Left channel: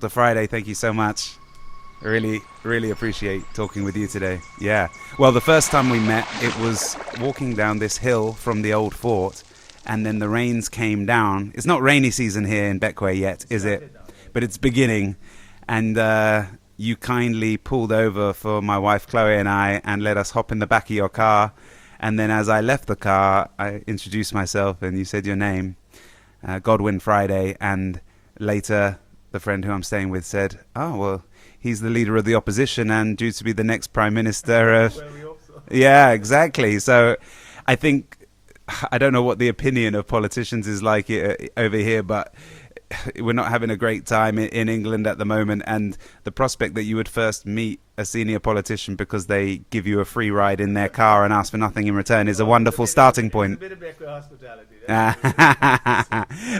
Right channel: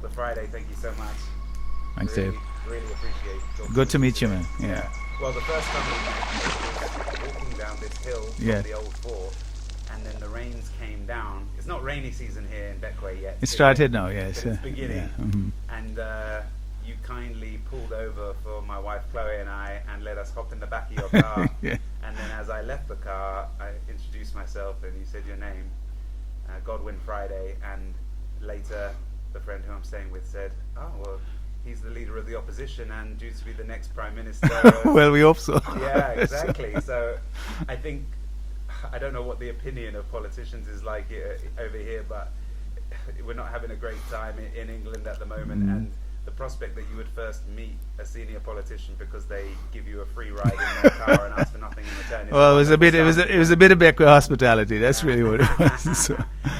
Dr. Friday, thank you so much. Really appreciate talking with you today. Yeah. Well, the first time we met, it was walking down this hill from the old fort, and then the rains came down. It's not rainy season here in Bequia yet. It started now, yes. But it's beginning. And you kindly pulled over for my wife Chloe and I and let us hop in the back of your car. And then as I left the car, I introduced myself and you said your name, Godwin Friday, and later the friend who I'm staying with said, oh, well, he's the leader of the opposition and due to be the next prime minister. Well, we hope so. Yeah, exactly. So I think, I don't know what the opinion of politicians is like over here, but we're not having a great time in England at the moment. And the prospect that you would first meet a senior politician because they give you a free ride in their car and ask for nothing in return is a wonderful starting point. It was a bit of Bequia hospitality. That's really what it was.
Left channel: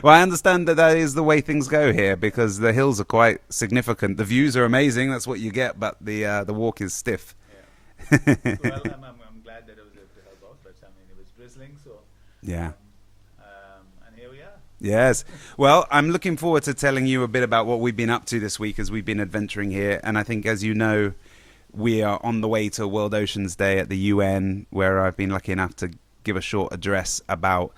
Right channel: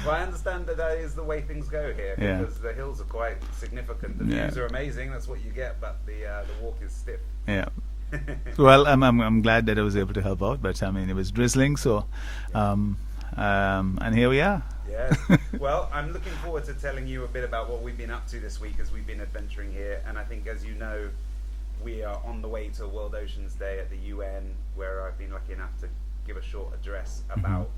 Well, I understand that is the way things go here because the hills are quite significant. The views are amazing. That's what you get, but the walk is stiff. Yeah. Well, I'm glad that I was able to help out, but I mean, it was drizzling, so and here we are. Yes. Well, I'm looking forward to telling you a bit about what we've been up to this week as we've been adventuring here. And I think, as you know, we are on the way to World Oceans Day at the UN, where I've been lucky enough to give a short address about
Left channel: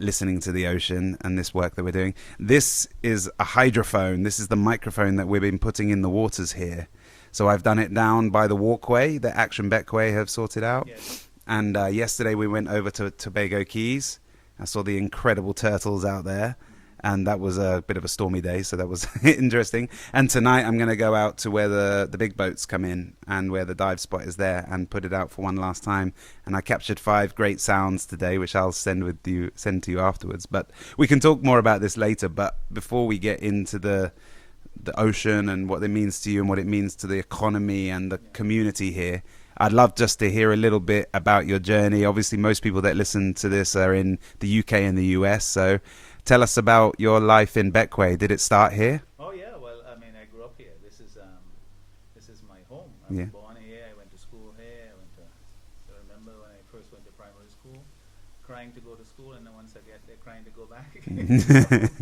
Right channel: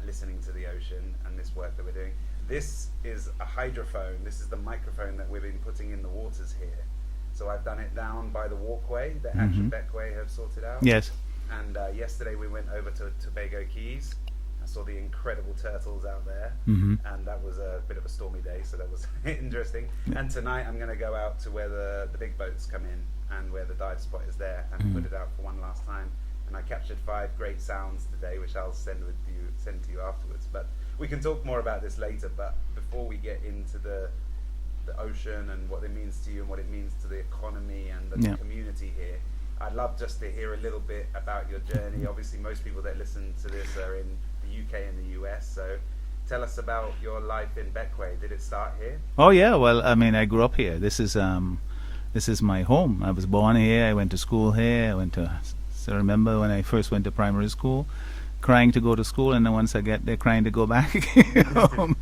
listening to the ocean and this work that we're doing. This is a hydrophone. This is the microphone that we've been putting in the waters here. So I've done it down by the walkway that Action Bequia have sorted out. Yes. And yesterday we went over to Tobago Keys. I saw the incredible turtles out there, and that was a bit of a stormy day, so that was interesting. And tonight I'm going to go out to where the big boats come in and where the dive spot is there and put it out for one last time. And I captured 5 great sounds today, which I'll send to you afterwards. But we can talk more about this later. But before we get into the ocean and what it means to you and what it means to the economy and the community here, I'd love just to hear a little bit about your journey. Obviously, most people that listen to this are in the UK and the US. So tell us about your life in Bequia. Did it start here? Oh, yeah. Well, I mean, I grew up here. This is my home. I was born here. I went to school here. So I remember when I first went to primary school, crying to go to school, and then once I get there, crying to go back home.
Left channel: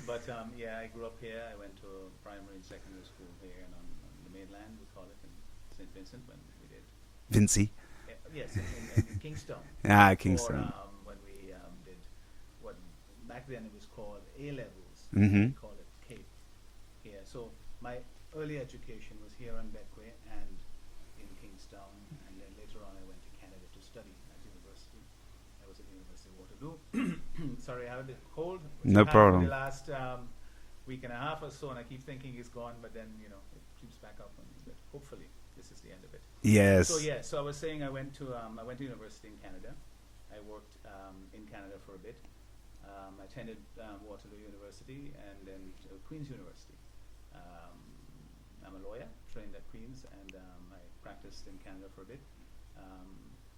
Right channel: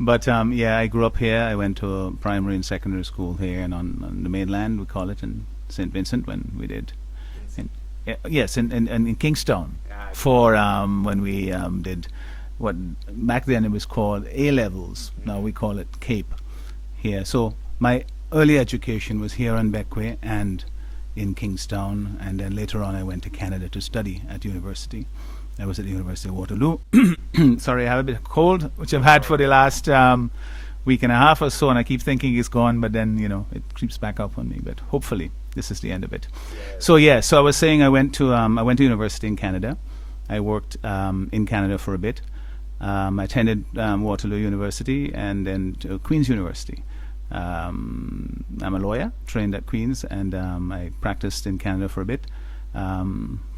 But I grew up here. I went to primary and secondary school here, and on the mainland, we call it, in St. Vincent when we did. Vincy? Yes, in Kingstown. For when we did what back then it was called A-levels. Now we call it Cape here. So my early education was here in Bequia and in Kingstown, and then later on I went to Canada to study at university. I was at the University of Waterloo. Sorry, I have a bit of cold, which I've had for the last week and a half or so, and I keep thinking it's gone, but then, it creeps back up on me. But hopefully this is the end of it. Yes. So, so I was saying I went to university in Canada. I worked in Canada for a bit. I attended Waterloo University and then to Queen's University. I'm a lawyer, trained at Queen's, and I practiced in Canada for a bit.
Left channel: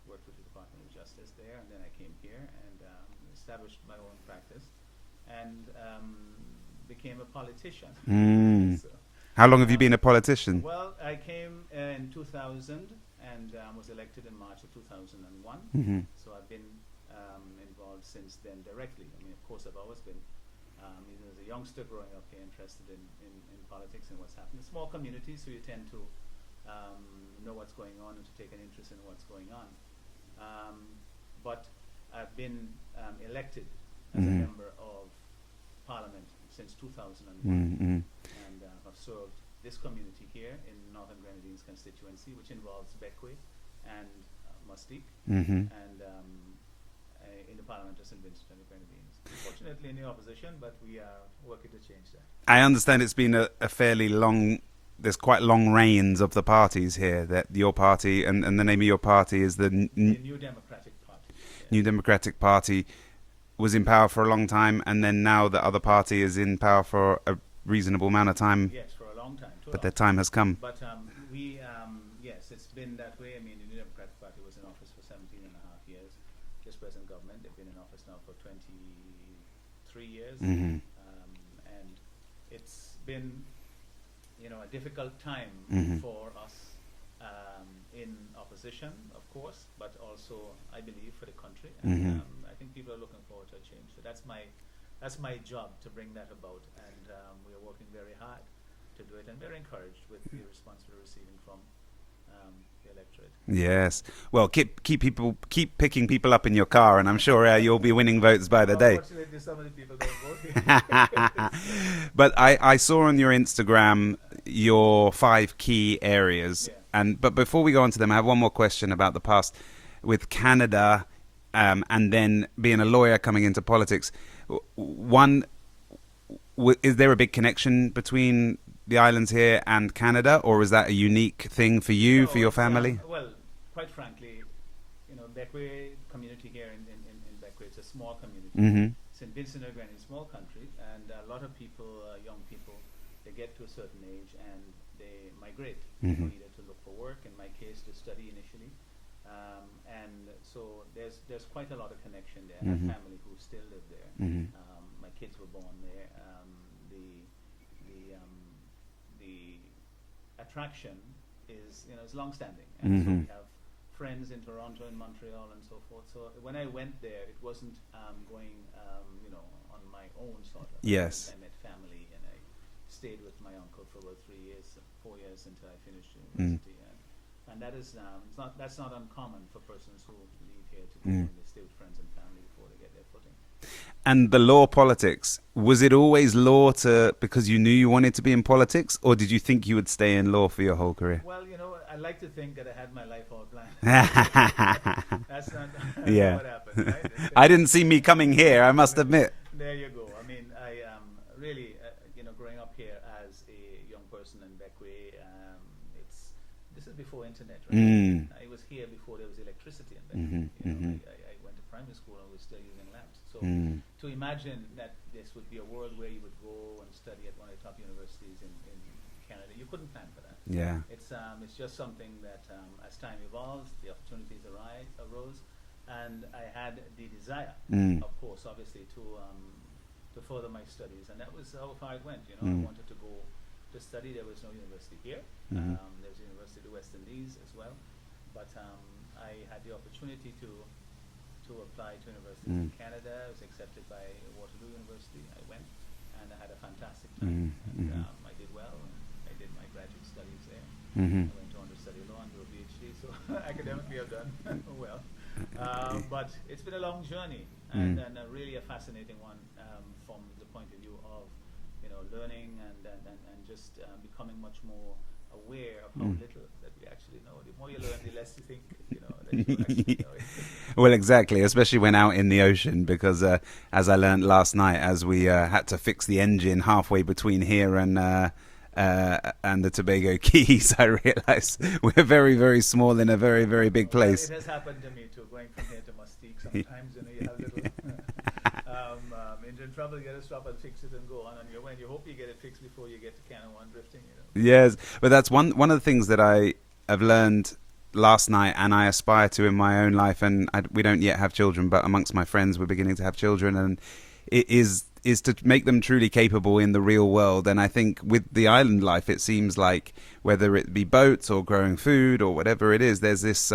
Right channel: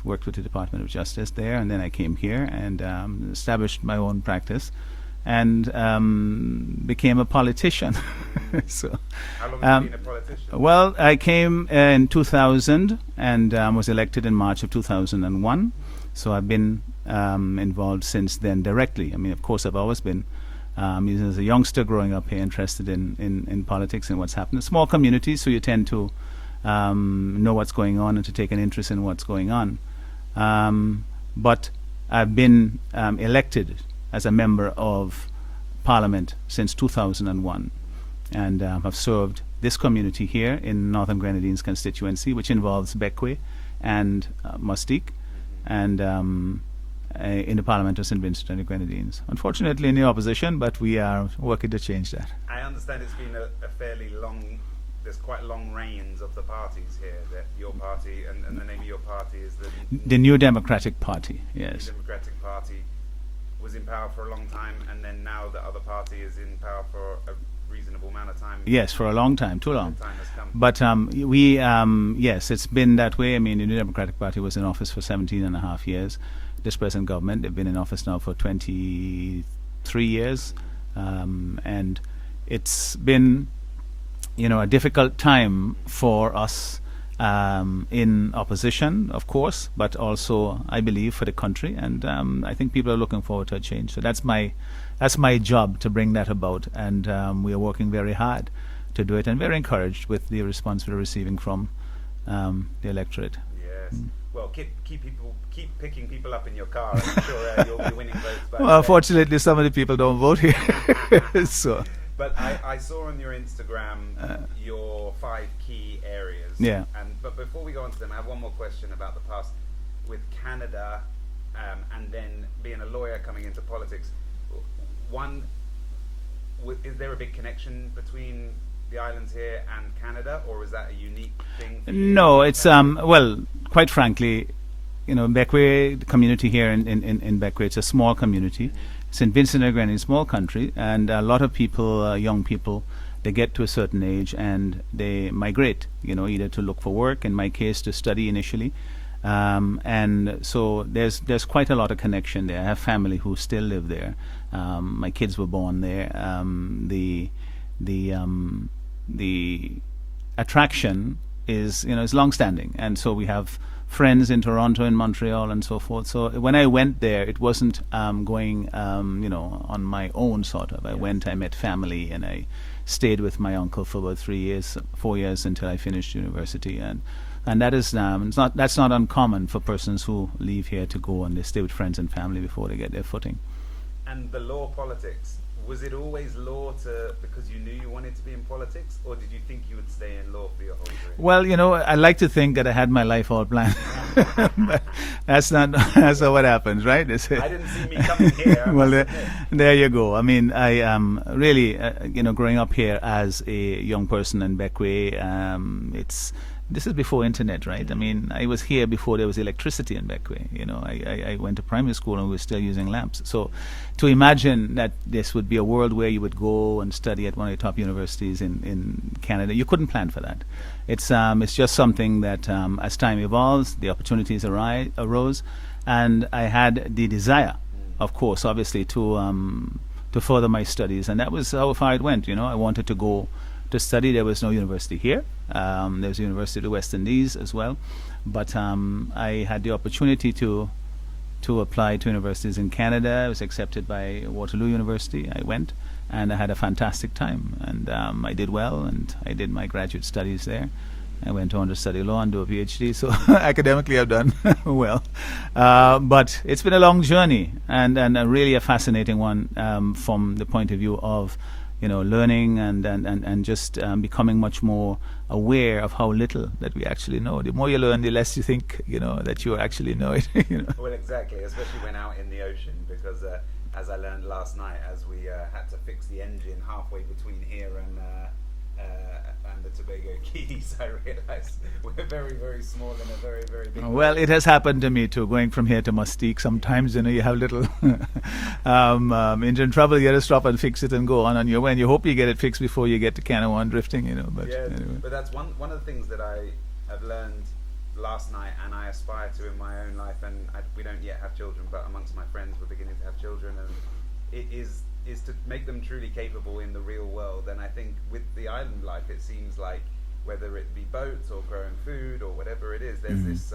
Worked with the Department of Justice there, and then I came here and established my own practice and became a politician. So, how long have you been a politician? Well, I came in 2000 and was elected in March of 2001. So I've been involved since then directly. I mean, of course, I've always been, as a youngster growing up here, interested in politics and what's happening. Small communities, so you tend to know what's going on and to take an interest in what's going on. But I've been elected as a member of Parliament since 2001 and have served this community here in Northern Grenadines constituency, which involves Bequia and Mustique, and in the Parliament of St. Vincent and the Grenadines. Unfortunately in the opposition, but we are working to change that. I understand it's been a fairly long... There's quite long reigns of the parties here. That your party and the name of your party is the New Democratic Party. Yes. New Democratic Party was in power for a long time, and then now the other party is in power for a reasonable amount of time. Yes, for a long time, too long. The time has come. But yes, it's been that way. I mean, the New Democratic Party was in office for 17 and a half years. This present government, they've been in office now for 23 years, and it's been a difficult time for us in opposition, of course, but also, I believe, for the country. And I think people are looking forward to a change. So that's my that's my job to bring that about, and we are working very hard to do it, and very encouraged with the response we're receiving from the electorate. Yes. Well, keep picking people up in your car, and I'm sure you'll be winning votes by the day. Unfortunately, some of the people don't vote here. So. But I saw on your Instagram your 5 key areas. Yeah. But before we go on to them, I have one more question about the past with Canada, and then being a lawyer coming into politics. One, is there a big connection between the islands here and Canada, or is that a unique thing for you? No, for your it's family? well, quite frankly, Bequia, the community here in Bequia, it's a small community. Mm-hmm. St. Vincent and Grenadine, small country, and a lot of people, young people, they get to a certain age and they migrate. Mm-hmm. Either to look for work, in my case, to study initially. And so there's quite a lot of connection there. I have family who still live there. Mm-hmm. My kids were born there. The attraction is long-standing, and so we have friends in Toronto and Montreal and so forth. So when I went there, it wasn't going on my own sort of. Yes. I went, I met family, and I stayed with my uncle for about 4 years until I finished university, and that is that's not uncommon for persons who leave here to go and they stay with friends and family before they get their footing. And the law politics, was it always law because you knew you wanted to be in politics, or did you think you would stay in law for your whole career? Well, I like to think that I had my life all planned. That's not what happens, right? I didn't see me coming here, I must admit. There you go. I mean, I really, growing up here as a young person in Bequia, this is before internet, right? I mean, I was here before there was electricity in Bequia. I went to primary school and we were still using lamps. So to imagine that this would be a world where you would go and study at one of the top universities in Canada, you couldn't plan for that. Yeah. It's just something that as time evolves, the opportunities arose, and I had the desire, of course, obviously, to further my studies, and that was how far it went. I wanted to go to study. There was no university here. There was a University of the West Indies as well, but I had the opportunity to apply to universities in Canada. I was accepted by Waterloo University. I went, and I had a fantastic time, and I did well, and I did my graduate studies there. I went on to study law and do a PhD, so academically I've done well. But it's been a long journey, and really a fascinating one from the point of view of learning and just becoming much more aware of how little that we actually know. The more you learn, the less you think, that you actually know it. Well, exactly, especially when out in the ocean, because as I learned last night, as we had to fix the engine halfway between here and the Tobago Keys, I realized we're very, very small in a very, very big place. Well, it has happened to me too, going from here to Mustique. Sometimes, you have little engine trouble, you got to stop and fix it and go on your way. And you hope you get it fixed before you get to Canawan drifting, But, yes, but that's one of the things that I have learned last night, and I aspire to in my own life. And we don't yet have children, but amongst my friends, we're beginning to have children, and it is to make them truly capable in the real world. And I think with the island life, it seems like whether it be boats or growing food or whatever it is, there's this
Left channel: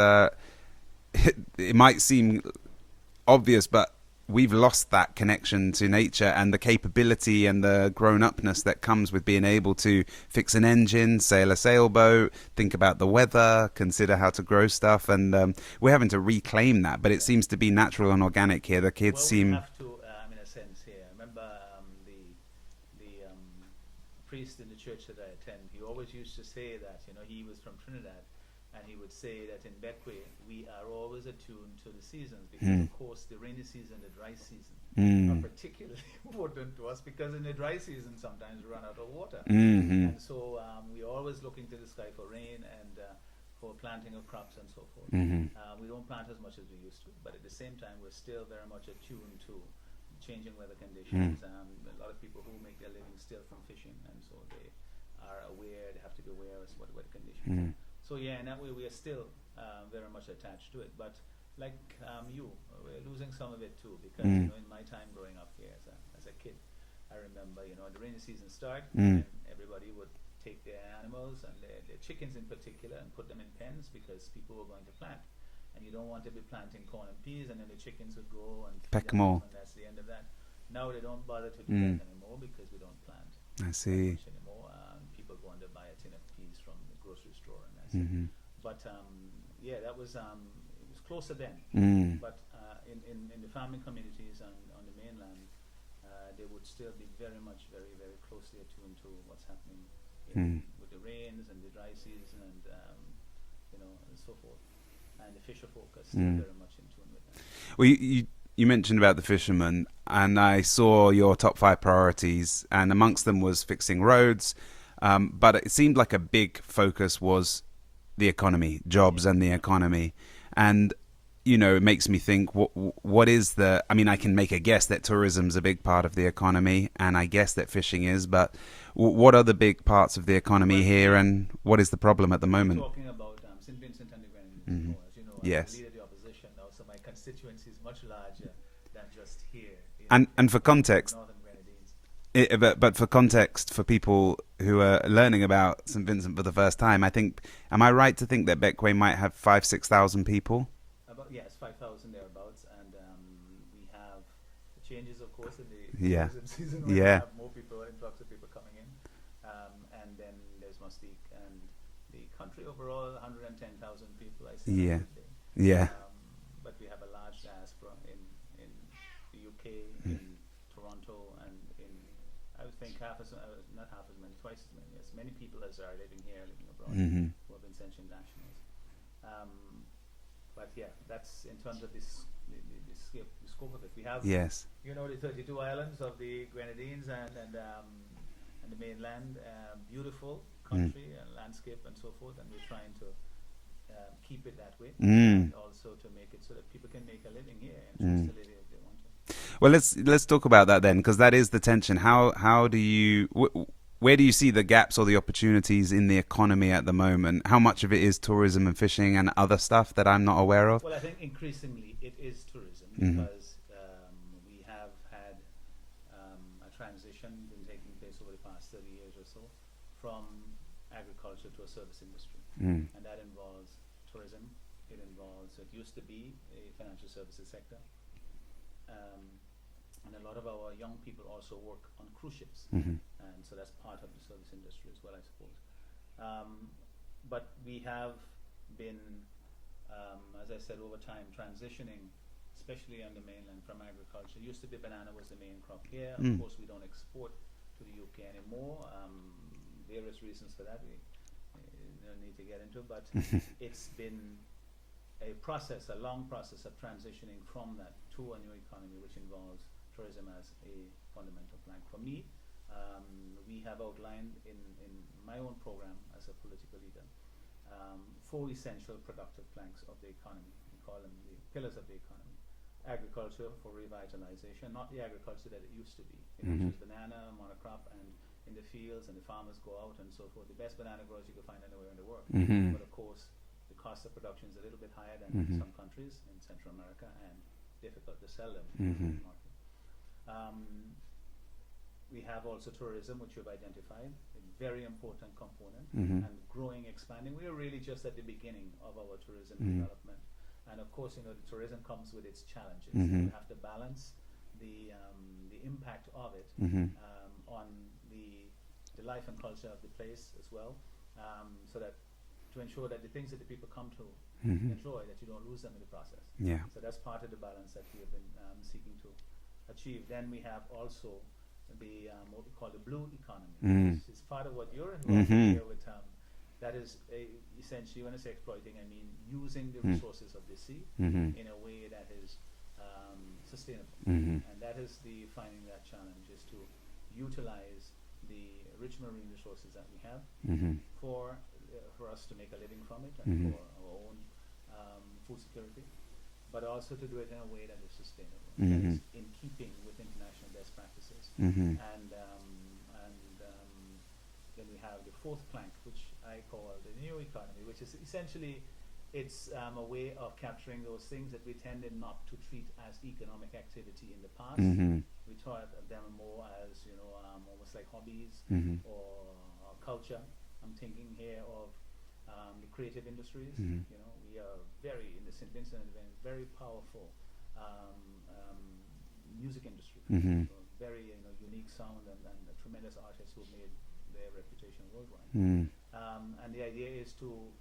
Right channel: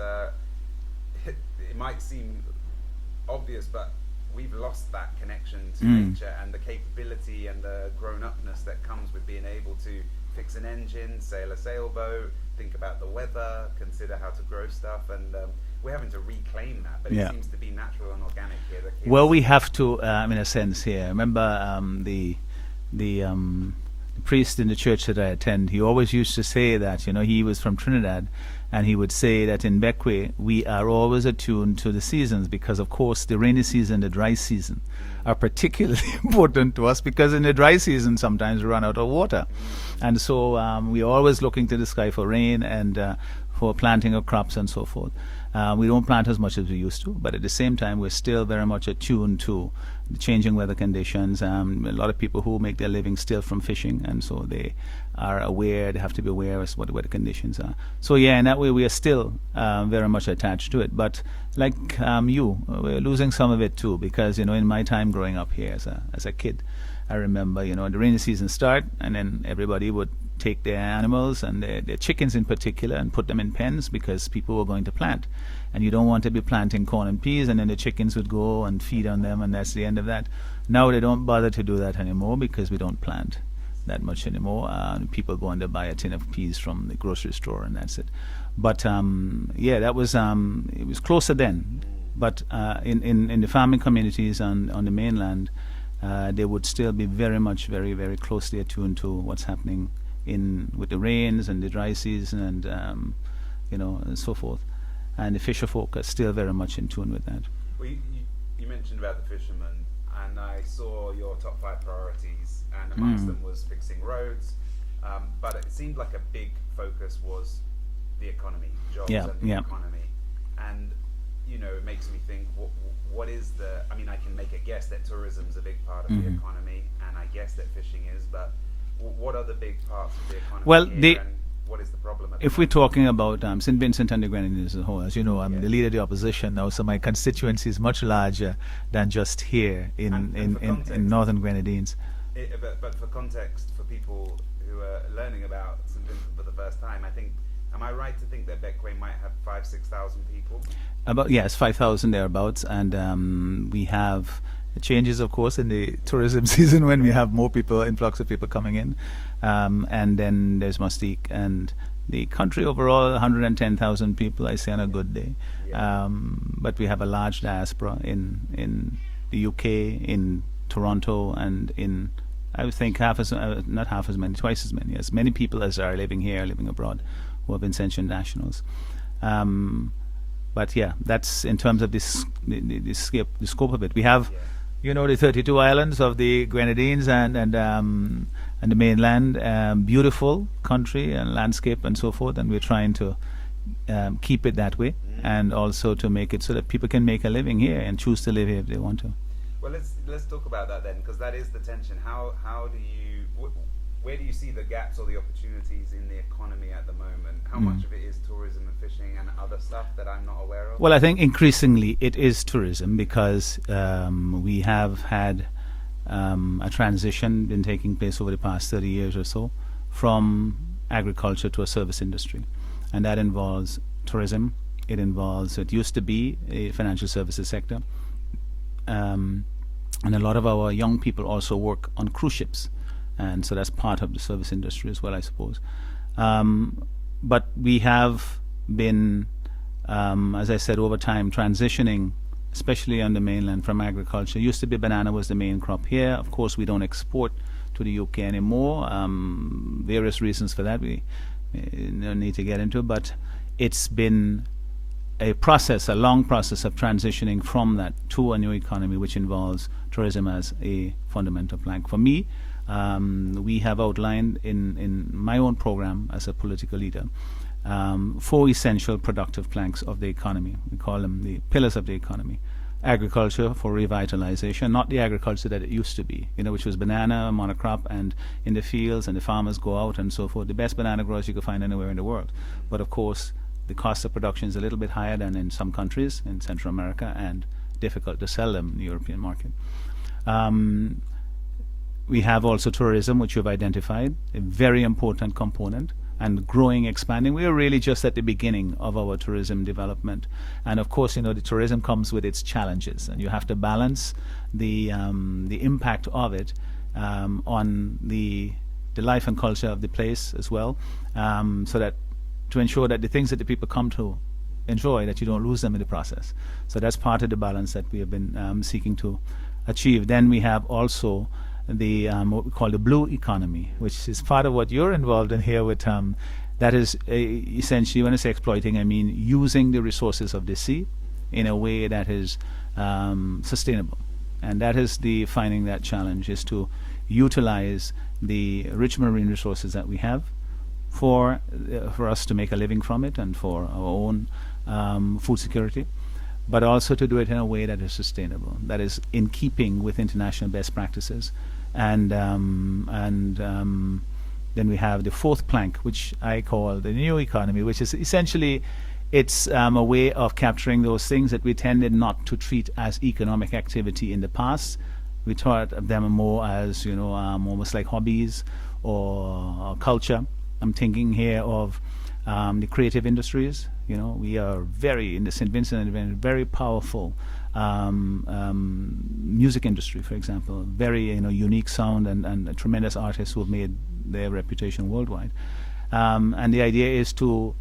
it might seem obvious, but we've lost that connection to nature and the capability and the grown-upness that comes with being able to fix an engine, sail a sailboat, think about the weather, consider how to grow stuff, and we're having to reclaim that, but it seems to be natural and organic here. The kids we have to, in a sense here. I remember the priest in the church that I attend, he always used to say that, he was from Trinidad, and he would say that in Bequia we are always attuned to the seasons, because of course the rainy season, the dry season are particularly important to us, because in the dry season sometimes we run out of water, and so we're always looking to the sky for rain and for planting of crops and so forth. We don't plant as much as we used to, but at the same time we're still very much attuned to the changing weather conditions. A lot of people who make their living still from fishing, and so they are aware, they have to be aware of what the weather conditions are. So in that way we are still very much attached to it. But like we're losing some of it too, because in my time growing up here as a kid, I remember the rainy season start, and then everybody would take their animals and their chickens in particular and put them in pens, because people were going to plant, and you don't want to be planting corn and peas and then the chickens would go and feed on them, and that's the end of that. Now they don't bother to do that anymore because we don't plant I see. that much anymore. People go and they buy a tin of peas from the grocery store and that's it. Mm-hmm. But yeah, that was it was closer then. But in the farming communities on the mainland, they would still be very much, very, very closely attuned to what's happening with the rains and the dry season and and so forth. And the fisher folk are still very much in tune with that. Well, you mentioned about the fishermen, and I saw your top 5 priorities, and amongst them was fixing roads. But it seemed like a big focus was the economy, jobs and the economy. And, it makes me think, what is I mean, I can make a guess that tourism's a big part of the economy, and I guess that fishing is, but what are the big parts of the economy here, and what is the problem at the moment? If we're talking about St. Vincent and the Grenadines as a whole, as you know, I'm the leader of the opposition now, so my constituency is much larger than just here in for context, in Northern Grenadines. But for context, for people who are learning about St. Vincent for the first time, am I right to think that Bequia might have 5,000-6,000 people? Yes, 5,000 thereabouts, and we have changes, of course, in the tourism season when we have more people, influx of people coming in, and then there's Mustique, and the country overall 110,000 people, I say, on a good day. But we have a large diaspora in the UK, in Toronto, and in, I would think, twice as many, as many people as are living here, living abroad, who have been Ascension nationals. But yeah, that's in terms of the scope of it. We have, the 32 islands of the Grenadines and the mainland, beautiful country and landscape and so forth, and we're trying to keep it that way, and also to make it so that people can make a living here and choose to live here if they want to. Well, let's talk about that then, because that is the tension. How do you where do you see the gaps or the opportunities in the economy at the moment? How much of it is tourism and fishing and other stuff that I'm not aware of? Well, I think increasingly it is tourism because we have had a transition been taking place over the past 30 years or so from agriculture to a service industry. And that involves tourism. It used to be a financial services sector. And a lot of our young people also work on cruise ships. And so that's part of the service industry as well, I suppose. But we have been, as I said, over time transitioning, especially on the mainland, from agriculture. Used to be banana was the main crop here. Of course, we don't export to the UK anymore. Various reasons for that we don't need to get into, but it's been a long process of transitioning from that to a new economy, which involves tourism as a fundamental plank. For me, we have outlined in my own program as a political leader 4 essential productive planks of the economy. We call them the pillars of the economy. Agriculture for revitalization, not the agriculture that it used to be, which was banana, monocrop, and in the fields, and the farmers go out and so forth. The best banana growers you could find anywhere in the world. But of course, the cost of production is a little bit higher than in some countries in Central America, and difficult to sell them in the European market. We have also tourism, which you've identified, a very important component, and growing, expanding. We are really just at the beginning of our tourism development. And of course, the tourism comes with its challenges, and you have to balance the impact of it on the life and culture of the place as well, so that to ensure that the things that the people come to enjoy, that you don't lose them in the process. So that's part of the balance that we have been seeking to achieve. Then we have also the what we call the blue economy, which is part of what you're involved in here with. That is essentially, when I say exploiting, I mean using the resources of the sea in a way that is sustainable. And that is defining that challenge, is to utilize the rich marine resources that we have for us to make a living from it and for our own food security, but also to do it in a way that is sustainable, that is in keeping with international best practices. And then we have the 4th plank, which I call the new economy, which is essentially it's a way of capturing those things that we tended not to treat as economic activity in the past. We thought of them more as, almost like hobbies or culture. I'm thinking here of the creative industries. We are in the St. Vincent and very powerful music industry, for example. Very unique sound and tremendous artists who have made their reputation worldwide. And the idea is to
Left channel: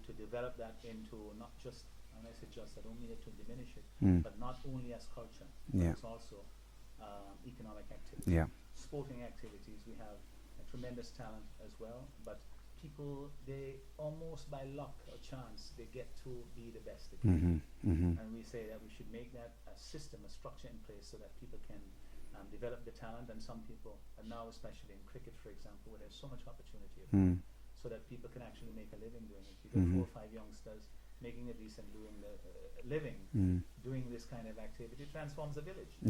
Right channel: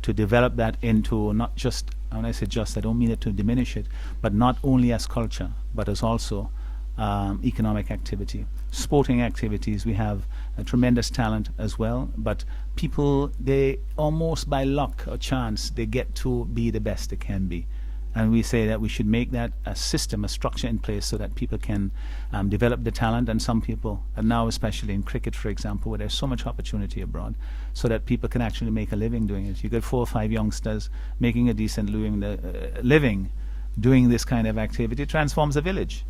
develop that into not just, when I say just, I don't mean it to diminish it, but not only as culture, but as also economic activity. Sporting activities, we have a tremendous talent as well, but people, they almost by luck or chance, they get to be the best they can be. And we say that we should make that a system, a structure in place so that people can develop the talent. And some people, and now especially in cricket, for example, where there's so much opportunity abroad, so that people can actually make a living doing it. You get 4 or 5 youngsters making a decent living doing this kind of activity. Transforms a village.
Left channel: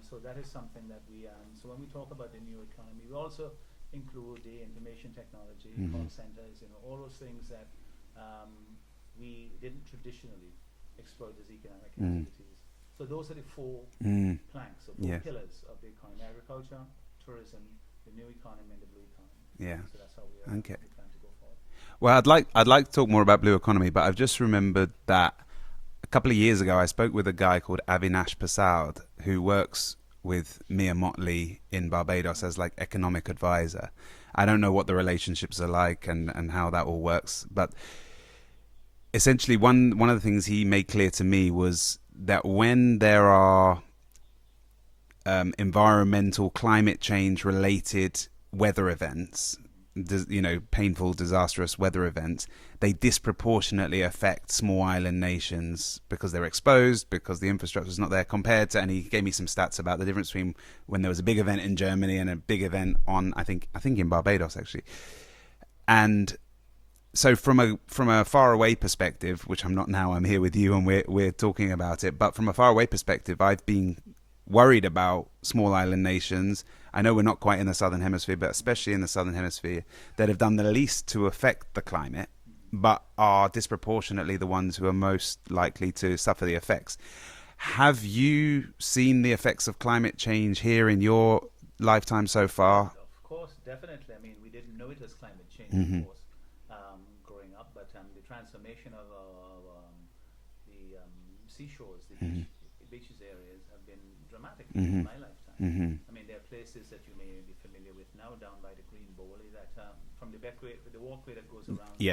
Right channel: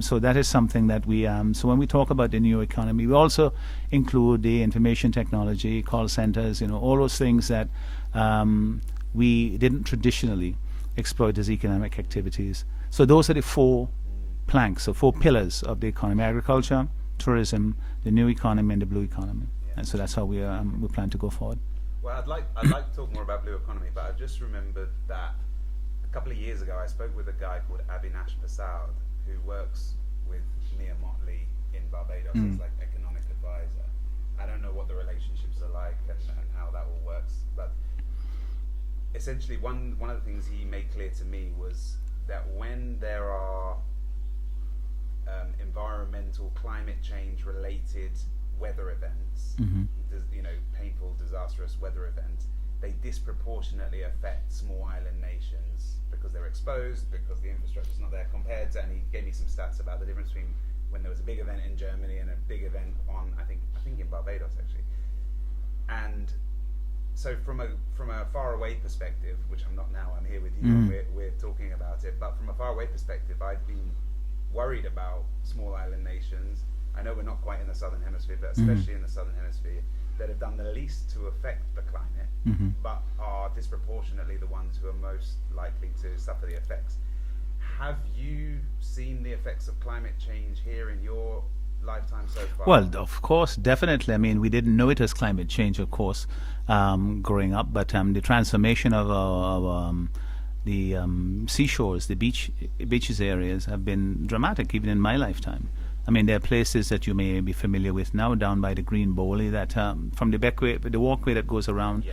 So that is something that we so when we talk about the new economy, we also include the information technology, call centers, all those things that we didn't traditionally exploit as economic activities. So those are the 4 planks, so 4 pillars of the economy: agriculture, tourism, the new economy, and the blue economy. And so that's how we plan to go forward. Well, I'd like to talk more about blue economy, but I've just remembered that a couple of years ago I spoke with a guy called Avinash Prasad, who works with Mia Motley in Barbados as like economic advisor. I don't know what the relationships are like and how that all works, but essentially one of the things he made clear to me was that when there are environmental, climate change related weather events, painful, disastrous weather events, they disproportionately affect small island nations because they're exposed, because the infrastructure is not there compared to, and he gave me some stats about the difference between when there was a big event in Germany and a big event on, I think in Barbados actually. And so from a far away perspective, which I'm not now, I'm here with you and we're talking about it, but from a far away perspective, I've been worried about small island nations. I know we're not quite in the southern hemisphere, but especially in the southern hemisphere, that have done the least to affect the climate, but are disproportionately the ones who are most likely to suffer the effects. Have you seen the effects of climate change here in your lifetime so far? Well, of course, definitely. I mean, we didn't know it as climate change, of course, growing up, but the transformation of the seashores, the beaches areas have been dramatic even in my lifetime. I mean, there are places that you may be familiar with now down by the Green Bowley that from the walkway that goes around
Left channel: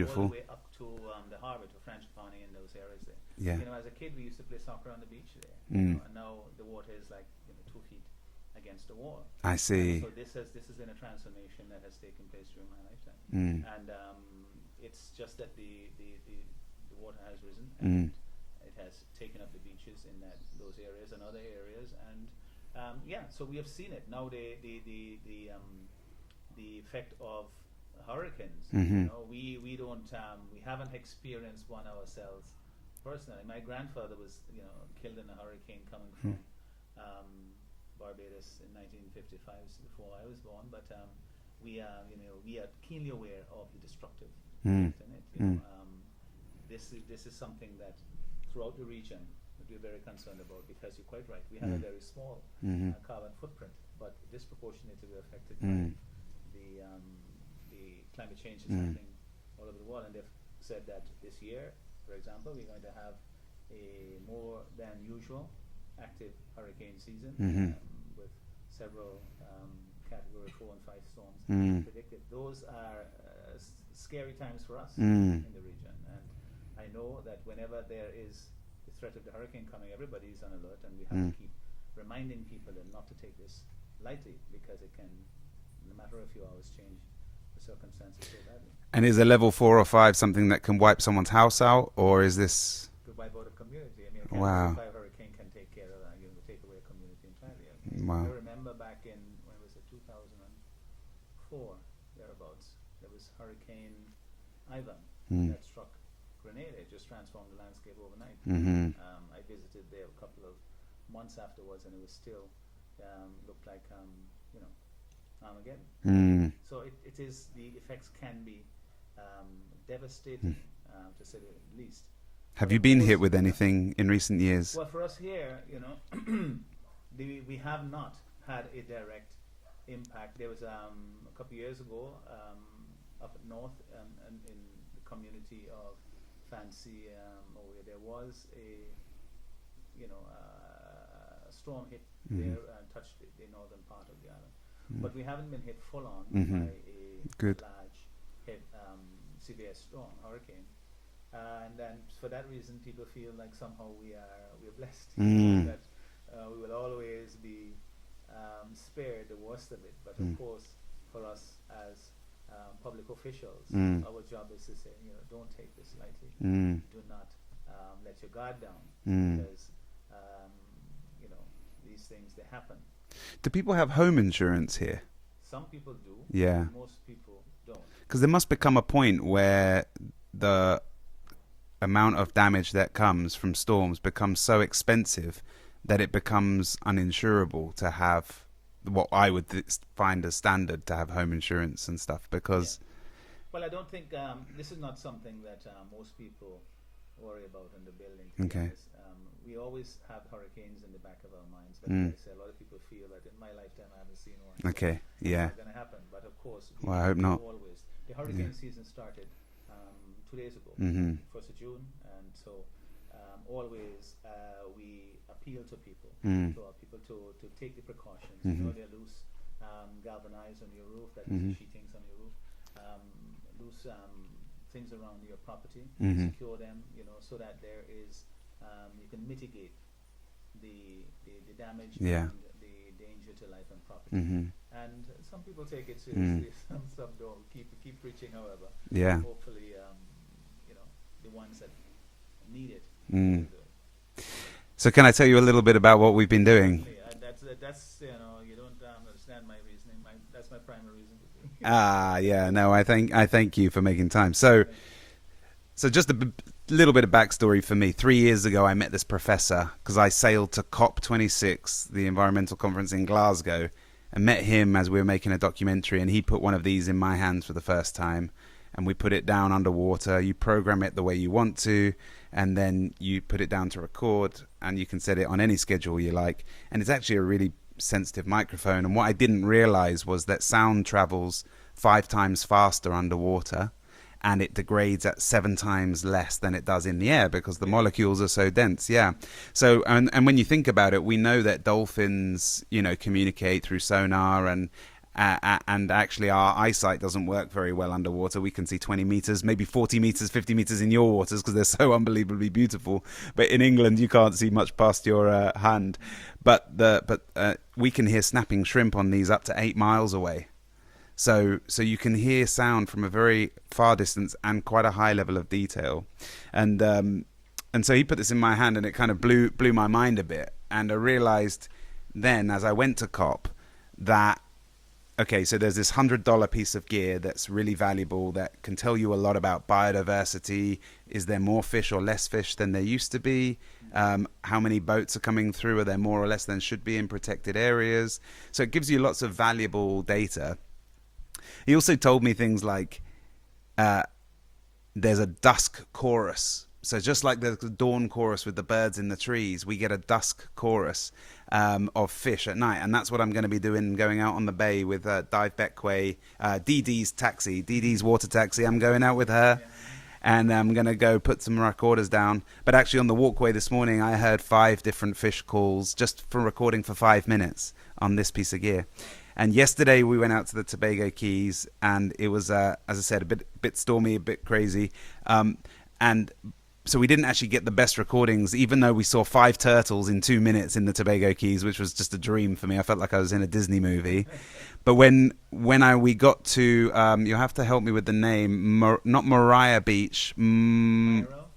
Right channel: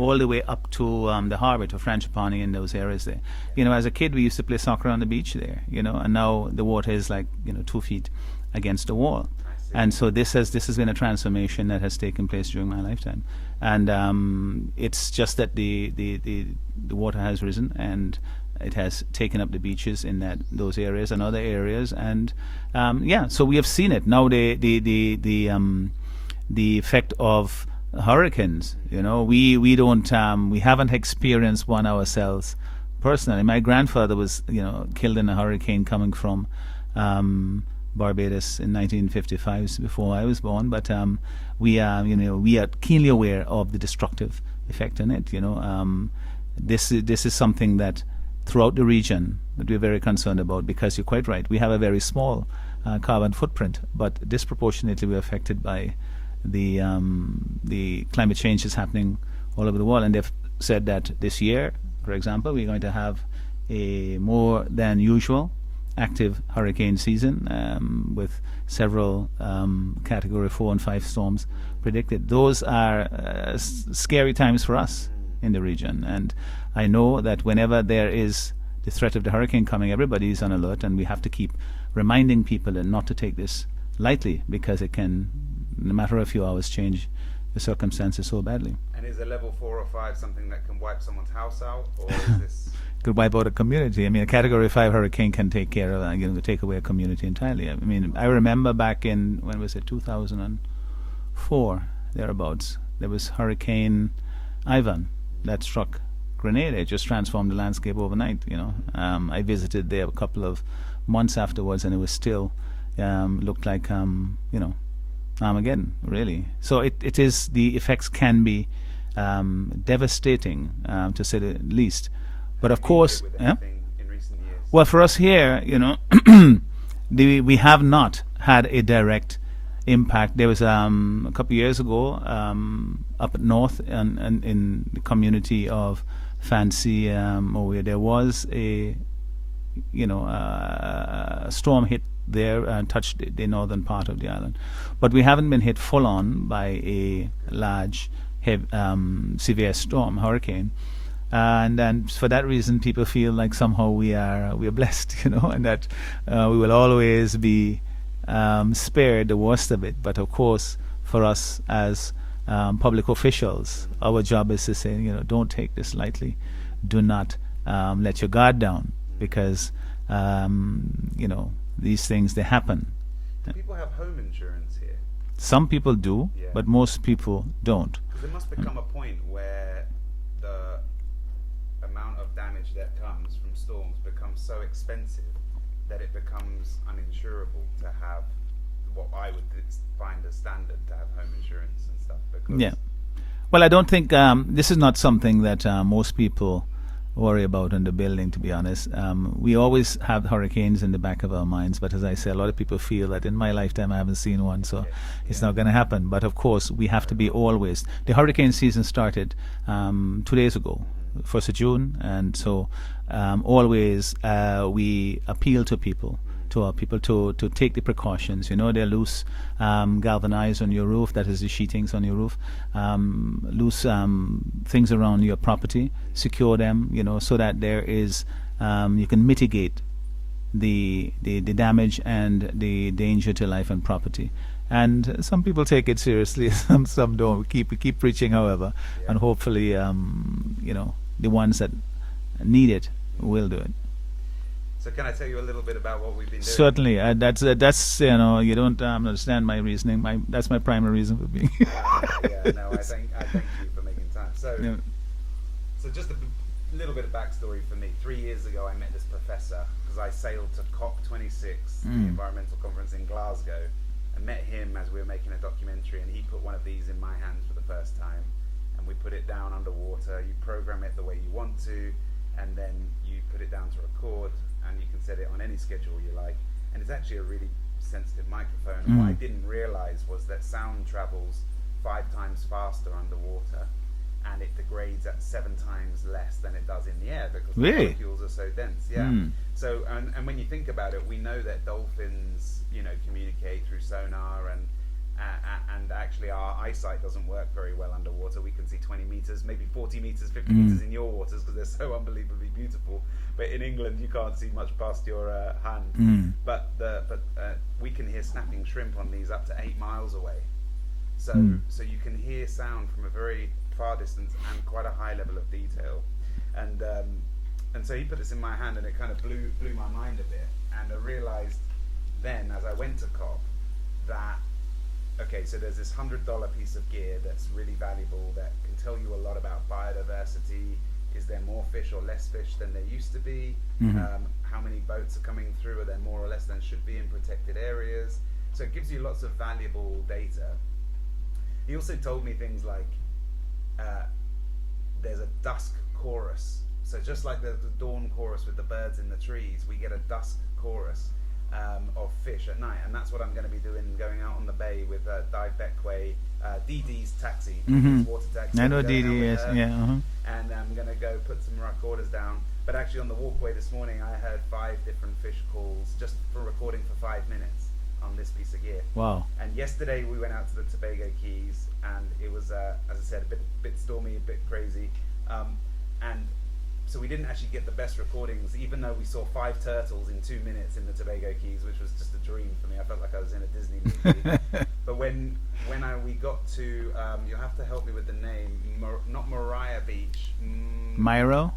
all the way up to the harbour to Franchipani and those areas there. As a kid we used to play soccer on the beach there, and now the water is like 2 feet against the wall. I see. And so this has been a transformation that has taken place during my lifetime. And it's just that the water has risen and it has taken up the beaches in those areas and other areas. And so we have seen it now. The effect of hurricanes. We don't we haven't experienced one ourselves personally. My grandfather was killed in a hurricane coming from Barbados in 1955, before I was born, but we are keenly aware of the destructive effect in it. This is something that throughout the region that we're very concerned about, because you're quite right, we have a very small carbon footprint, but disproportionately we're affected by the climate change is happening all over the world. And they've said that this year, for example, we're going to have a more than usual active hurricane season with several category 4 and 5 storms predicted. Those are scary times for us in the region, and I know that whenever there is the threat of the hurricane coming, everybody is on alert, and we have to keep reminding people and not to take this lightly, because it can, in a matter of a few hours, change the circumstances so badly. And is a level 4 or 5 something that can wipe someone's house out, or is this could wipe out a community? I mean, a category 5 hurricane can take care of take away a community entirely. I mean, I remember back in, when was it, 2004 thereabouts, there was Hurricane Ivan that struck Grenada. It just transformed the landscape overnight. I visited there a couple of months afterwards, and it was still looked like Armageddon, really. So it is, the effects can be devastating, to say the least. Have you been hit with anything in recent years? Well, for us here, we have not had a direct impact. There was a couple of years ago up north and in the community of Fancy, where there was a storm hit there and touched the northern part of the island, but we haven't been hit full on by a large, severe storm, hurricane. And then for that reason, people feel like somehow we are blessed, and that we will always be spared the worst of it. But of course, for us as public officials, our job is to say, don't take this lightly. Do not let your guard down, because these things, they happen. Do people have home insurance here? Some people do, Yeah. but most people don't. Because there must become a point where the amount of damage that comes from storms becomes so expensive that it becomes uninsurable to have what I would find as standard to have home insurance and stuff. Because Yeah. Well, I don't think this is not something that most people worry about in the building, to be honest. We always have hurricanes in the back of our minds, but as I say, a lot of people feel that in my lifetime I haven't seen one, so it's not going to happen. But of course, we have to be always. The hurricane season started 2 days ago, 1st of June, and so always we appeal to people, to take the precautions. They're loose galvanized on your roof, that is the sheetings on your roof, loose things around your property, secure them, so that there is you can mitigate the damage and the danger to life and property. And some people take it seriously, some don't. We keep preaching, however, and hopefully the ones that need it will do it. So can I tell you a little bit about what we've been doing? Certainly. That's you don't understand my reasoning. That's my primary reason for being here. No, I thank you for making time. So just a little bit of backstory for me. 3 years ago, I met this professor because I sailed to COP26, the environmental conference in Glasgow, and met him as we were making a documentary, and he put one of these in my hands for the first time, and we put it down underwater. You program it the way you want to, and then you put it down to record, and you can set it on any schedule you like. And it's actually a really sensitive microphone. And what I didn't realize was that sound travels 5 times faster underwater, and it degrades at 7 times less than it does in the air, because the molecules are so dense. So and when you think about it, we know that dolphins communicate through sonar, and actually our eyesight doesn't work very well underwater. We can see 20 meters, maybe 40 meters, 50 meters in your waters because they're so unbelievably beautiful. But in England, you can't see much past your hand. But we can hear snapping shrimp on these up to 8 miles away. So you can hear sound from a very far distance and quite a high level of detail. And so he put this in my hand, and it kind of blew my mind a bit. And I realized then, as I went to COP, that okay, so there's this $100 piece of gear that's really valuable, that can tell you a lot about biodiversity. Is there more fish or less fish than there used to be? How many boats are coming through? Are there more or less than should be in protected areas? So it gives you lots of valuable data. He also told me things like there's a dusk chorus. So just like there's a dawn chorus with the birds in the trees, we get a dusk chorus of fish at night, and that's what I'm going to be doing, going out on the bay with Dive Beckway, Dee Dee's taxi, Dee Dee's water taxi. I'm going out with her, and I'm going to go put some recorders down. But actually on the walkway this morning, I heard 5 different fish calls just from recording for 5 minutes on this piece of gear. Wow. And yesterday we went out to the Tobago Keys, and it was, as I said, a bit stormy, a bit crazy, and so we didn't actually get the best recordings, even though we saw 5 turtles in 2 minutes in the Tobago Keys, which was just a dream for me. I felt like I was in a Disney movie. But when we got to, you'll have to help me with the name, not Moriah Beach, Myro.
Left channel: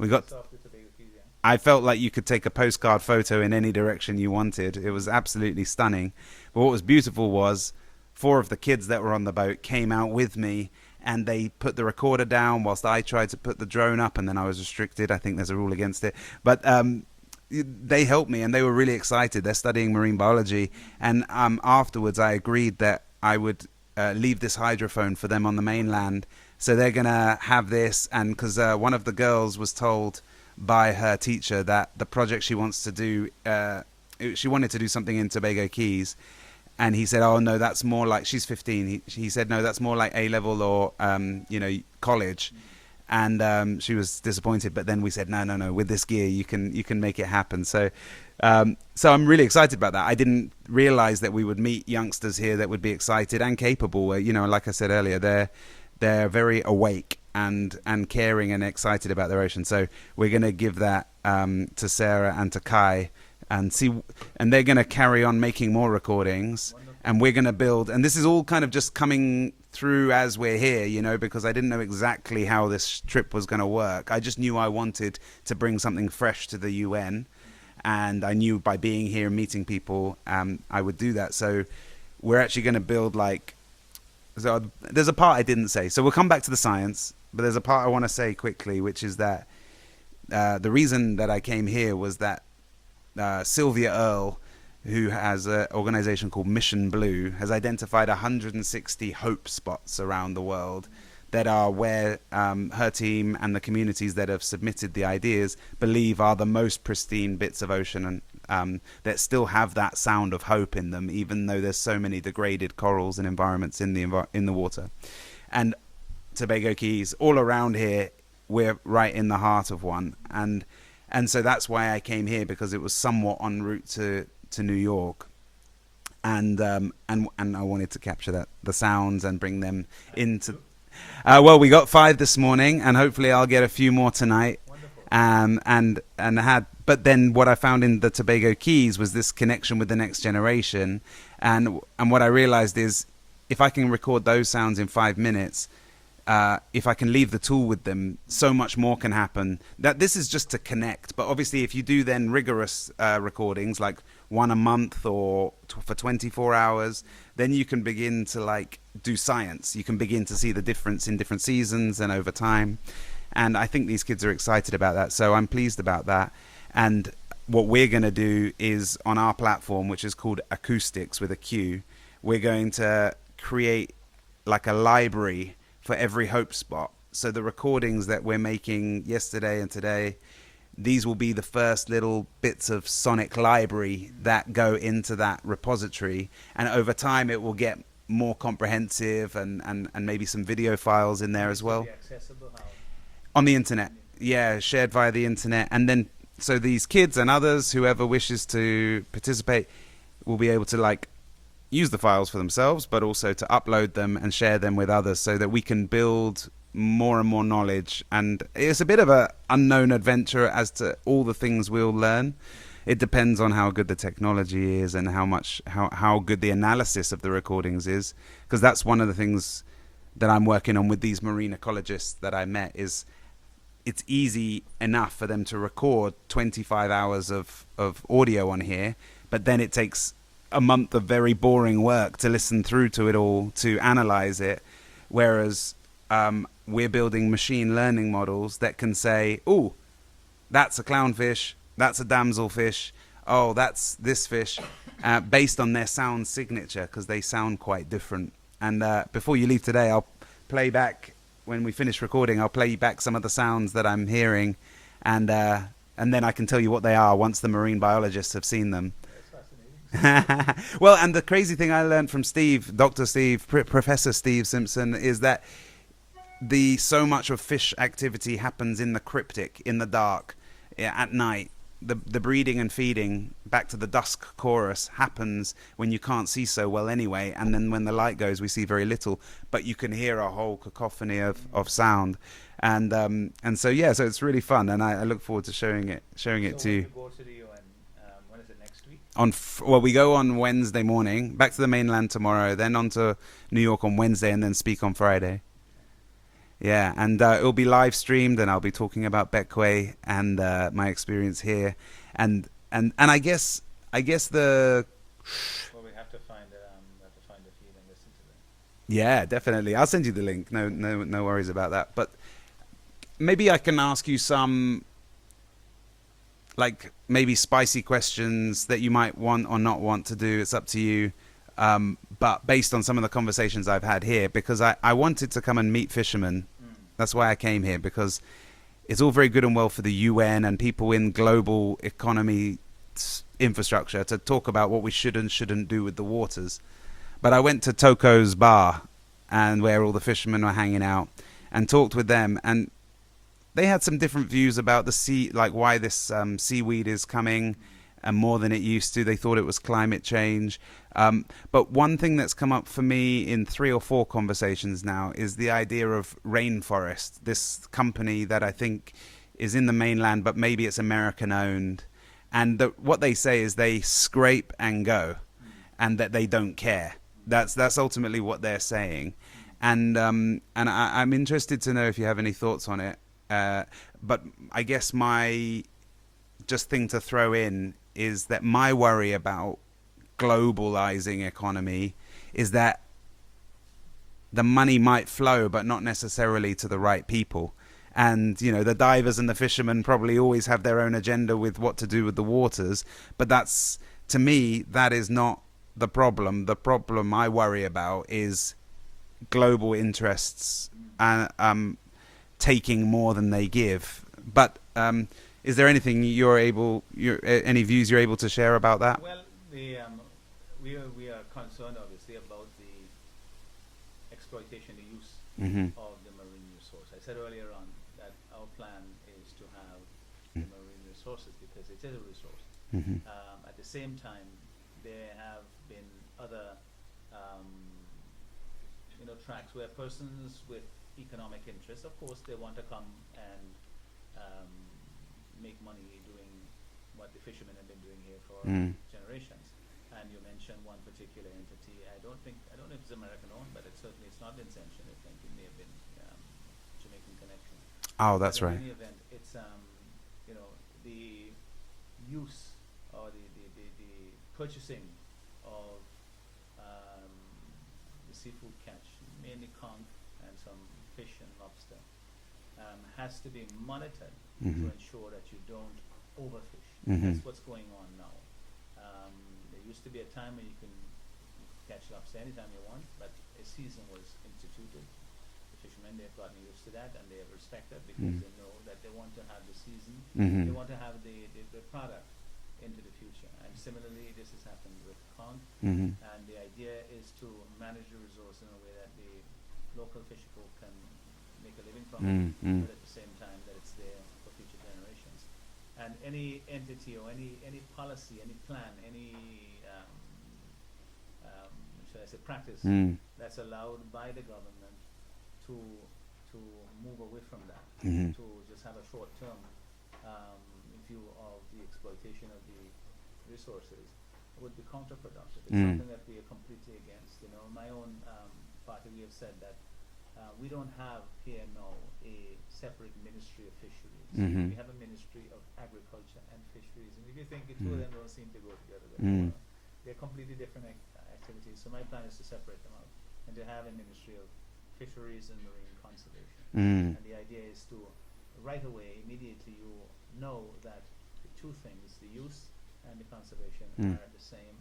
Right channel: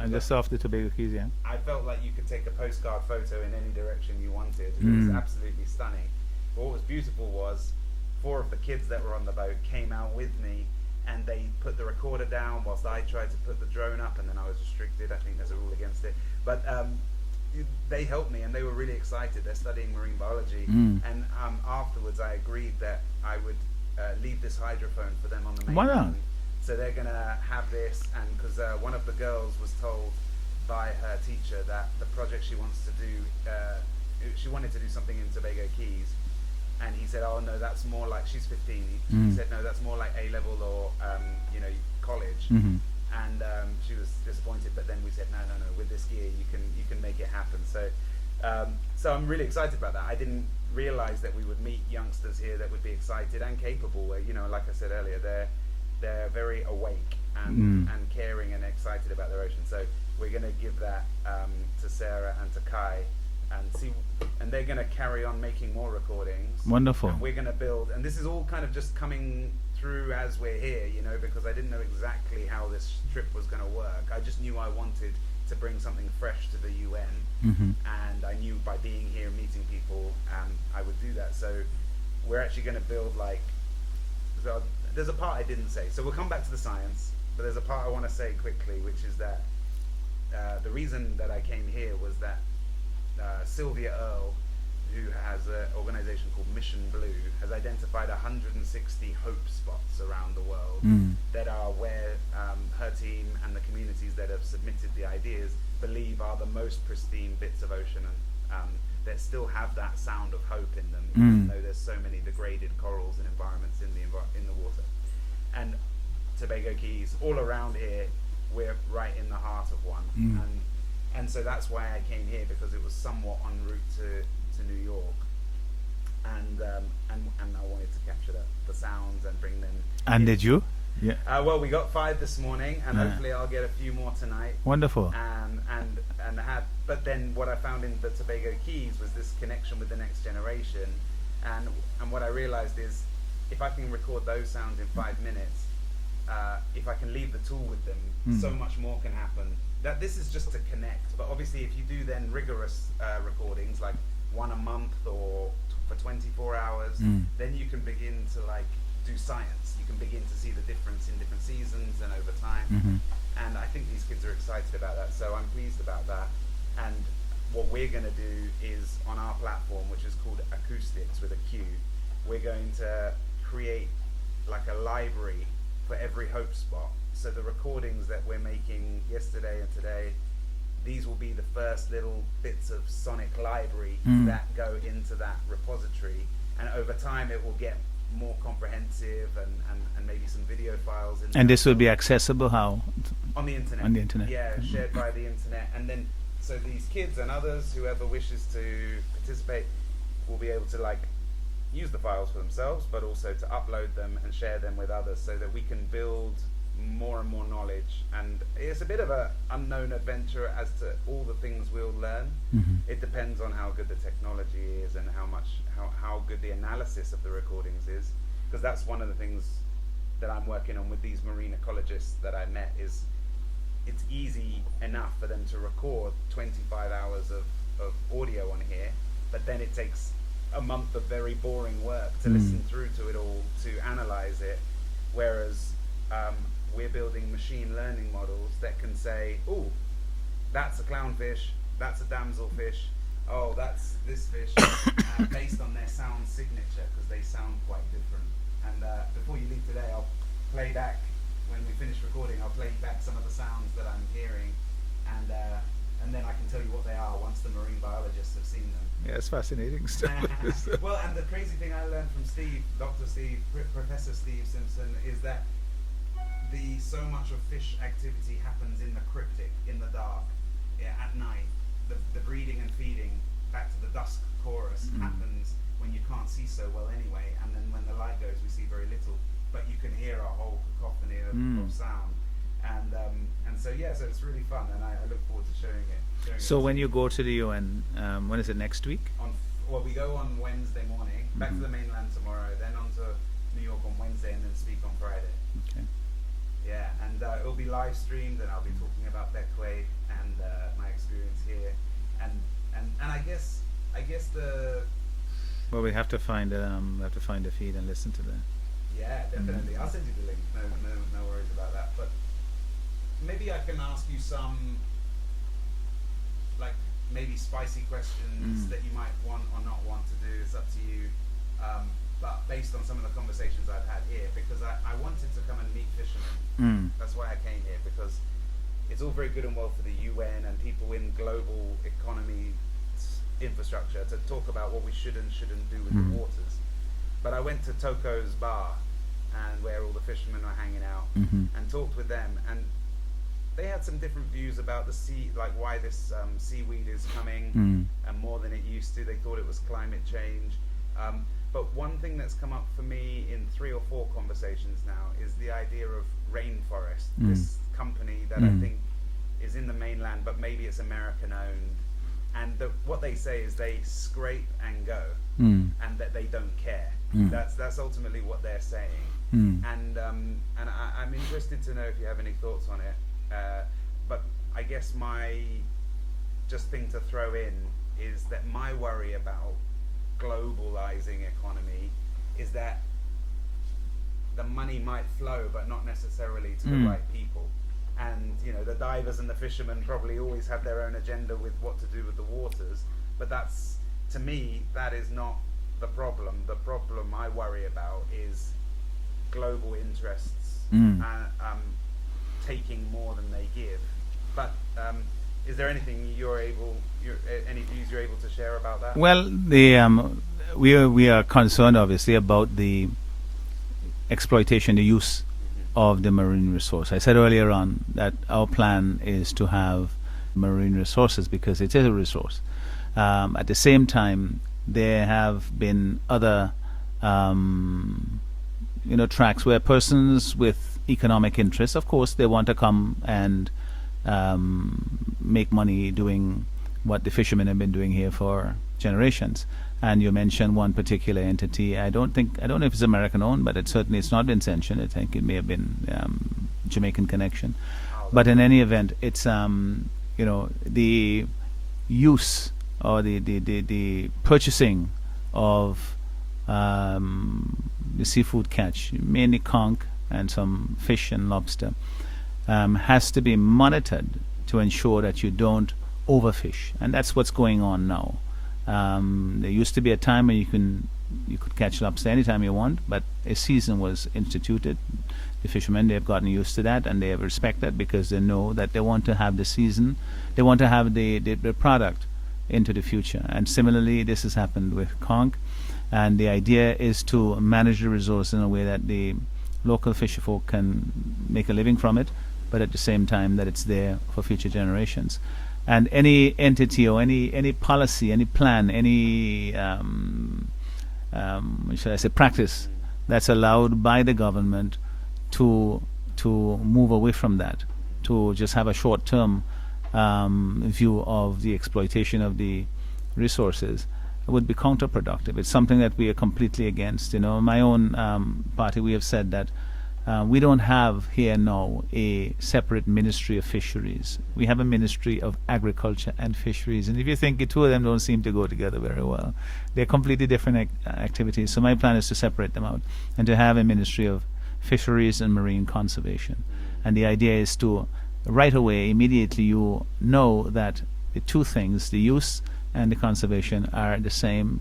We got off the Tobago Keys. I felt like you could take a postcard photo in any direction you wanted. It was absolutely stunning. But what was beautiful was 4 of the kids that were on the boat came out with me, and they put the recorder down whilst I tried to put the drone up, and then I was restricted. I think there's a rule against it. But they helped me, and they were really excited. They're studying marine biology. And afterwards, I agreed that I would leave this hydrophone for them on the mainland. So they're going to have this, and because one of the girls was told by her teacher that the project she wants to do, she wanted to do something in Tobago Keys. And he said, oh, no, that's more like, she's 15. He said, no, that's more like A-level or, college. and she was disappointed. But then we said, no, with this gear you can make it happen. So I'm really excited about that. I didn't realize that we would meet youngsters here that would be excited and capable. You know, like I said earlier, they're very awake and caring and excited about their ocean. So we're going to give that to Sarah and to Kai, and they're going to carry on making more recordings. Wonderful. And we're going to build, and this is all kind of just coming through as we're here, you know, because I didn't know exactly how this trip was going to work. I just knew I wanted to bring something fresh to the UN, and I knew by being here and meeting people, I would do that. So we're actually going to build so there's a part I didn't say, so we'll come back to the science, but there's a part I want to say quickly, which is that the reason that I came here was that Sylvia Earle, who has an organization called Mission Blue, has identified 160 hope spots around the world that are where her team and the communities that have submitted the ideas believe are the most pristine bits of ocean, and that still have that sound of hope in them, even though there's so many degraded corals and environments in the water. And Tobago Keys, all around here, we're right in the heart of one, and so that's why I came here, because it was somewhat en route to New York, and I wanted to capture the sounds and bring them. And did you? Yeah. Well, we got 5 this morning, and hopefully I'll get a few more tonight. Wonderful. But then what I found in the Tobago Keys was this connection with the next generation, and what I realized is, if I can record those sounds in 5 minutes, if I can leave the tool with them, so much more can happen. That this is just to connect, but obviously if you do then rigorous recordings, like one a month or for 24 hours, then you can begin to do science. You can begin to see the difference in different seasons and over time. And I think these kids are excited about that, so I'm pleased about that. And what we're going to do is, on our platform, which is called Acoustics with a Q, we're going to create like a library for every hope spot. So the recordings that we're making yesterday and today, these will be the first little bits of sonic library that go into that repository, and over time it will get more comprehensive, and maybe some video files in there. And this will be accessible how? On the internet. On the internet. Yeah, shared via the internet. And then so these kids and others, whoever wishes to participate, will be able to use the files for themselves, but also to upload them and share them with others, so that we can build more and more knowledge. And it's a bit of a unknown adventure as to all the things we'll learn. It depends on how good the technology is and how good the analysis of the recordings is, because that's one of the things that I'm working on with these marine ecologists that I met. Is it's easy enough for them to record 25 hours of audio on here, but then it takes a month of very boring work to listen through to it all, to analyze it, whereas we're building machine learning models that can say, oh, that's a clownfish, that's a damselfish, oh, that's this fish, based on their sound signature, because they sound quite different. And before you leave today, I'll play back, when we finish recording, I'll play back some of the sounds that I'm hearing, and then I can tell you what they are once the marine biologists have seen them. Yeah, it's fascinating. Well, and the crazy thing I learned from Steve, Dr. Steve, Professor Steve Simpson, is that so much of fish activity happens in the cryptic, in the dark, at night. The breeding and feeding, back to the dusk chorus, happens when you can't see so well anyway, and then when the light goes, we see very little, but you can hear a whole cacophony of sound. And so it's really fun, and I look forward to showing it to you. So when you go to the UN, when is it, next week? We go on Wednesday morning, back to the mainland tomorrow, then on to New York on Wednesday, and then speak on Friday. Okay. Yeah, and it'll be live streamed, and I'll be talking about Bequia and my experience here, and I guess the. Well, we have to find a feed and listen to that. Yeah, definitely. I'll send you the link. No worries about that. But maybe I can ask you some, maybe spicy questions that you might want or not want to do. It's up to you. But based on some of the conversations I've had here, because I wanted to come and meet fishermen. That's why I came here, because it's all very good and well for the UN and people in global economy infrastructure to talk about what we should and shouldn't do with the waters. But I went to Toko's bar, and where all the fishermen were hanging out, and talked with them. And they had some different views about the sea, like why this seaweed is coming and more than it used to. They thought it was climate change. But one thing that's come up for me in 3 or 4 conversations now is the idea of rainforest, this company that I think is in the mainland, but maybe it's American owned. And what they say is they scrape and go, and that they don't care. That's ultimately what they're saying. And I'm interested to know if you have any thoughts on it. But I guess my just thing to throw in is that my worry about globalizing economy is that the money might flow, but not necessarily to the right people. And the divers and the fishermen probably always have their own agenda with what to do with the waters, but that's, to me, that is not the problem. The problem I worry about is global interests taking more than they give. But is there anything any views you're able to share about that? Well, we are concerned obviously about the exploitation, the use of the marine resource. I said earlier on that our plan is to have marine resources because it is a resource. At the same time, there have been other tracks where persons with economic interests, of course, they want to come and make money doing what the fishermen have been doing here for generations. And you mentioned one particular entity. I don't know if it's American owned, but it's not been sanctioned. I think it may have been Jamaican connection. But in any event, it's the use or the purchasing of the seafood catch, mainly conch and some fish and lobster, has to be monitored to ensure that you don't overfish, and that's what's going on now. There used to be a time when you could catch lobster anytime you want, but a season was instituted. The fishermen, they have gotten used to that, and they have respect that because they know that they want to have the season, they want to have the product into the future. And similarly, this has happened with conch, and the idea is to manage the resource in a way that the local fisherfolk can make a living from it, but at the same time that it's there for future generations. And any entity or any policy, any plan, any should I say practice that's allowed by the government to move away from that, to just have a short-term view of the exploitation of the resources, would be counterproductive. It's something that we are completely against. My own party, we have said that we don't have here now a separate ministry of fisheries. We have a ministry of agriculture and fisheries. And if you think the two of them don't seem to go together very well, they're completely different activities. So my plan is to separate them out and to have a ministry of fisheries and marine conservation. And the idea is to, right away, immediately, you know that the two things, the use and the conservation, are the same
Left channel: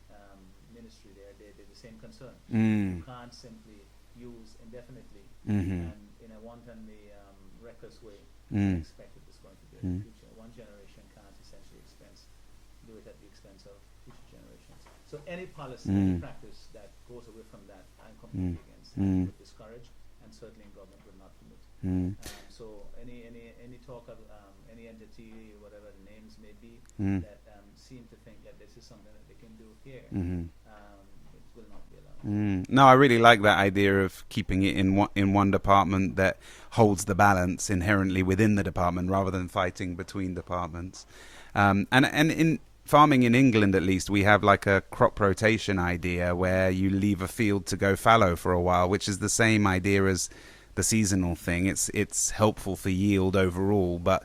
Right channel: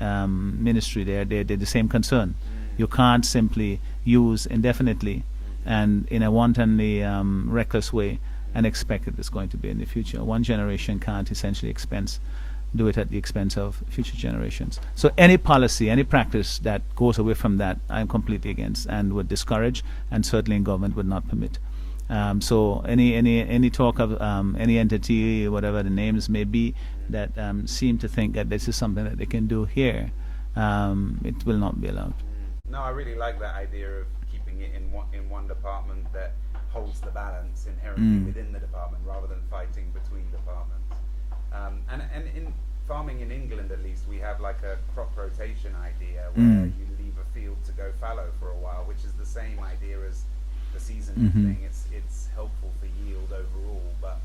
ministry. They're the same concern. You can't simply use indefinitely and in a wantonly reckless way and expect that it's going to be in the future. One generation can't essentially do it at the expense of future generations. So any policy, any practice that goes away from that, I'm completely against and would discourage, and certainly government would not permit. So any talk of any entity, whatever the names may be, that seem to think that this is something that they can do here, it will not be allowed. No, I really like that idea of keeping it in one department that holds the balance inherently within the department, rather than fighting between departments. And in farming in England, at least, we have like a crop rotation idea where you leave a field to go fallow for a while, which is the same idea as the seasonal thing. It's helpful for yield overall, but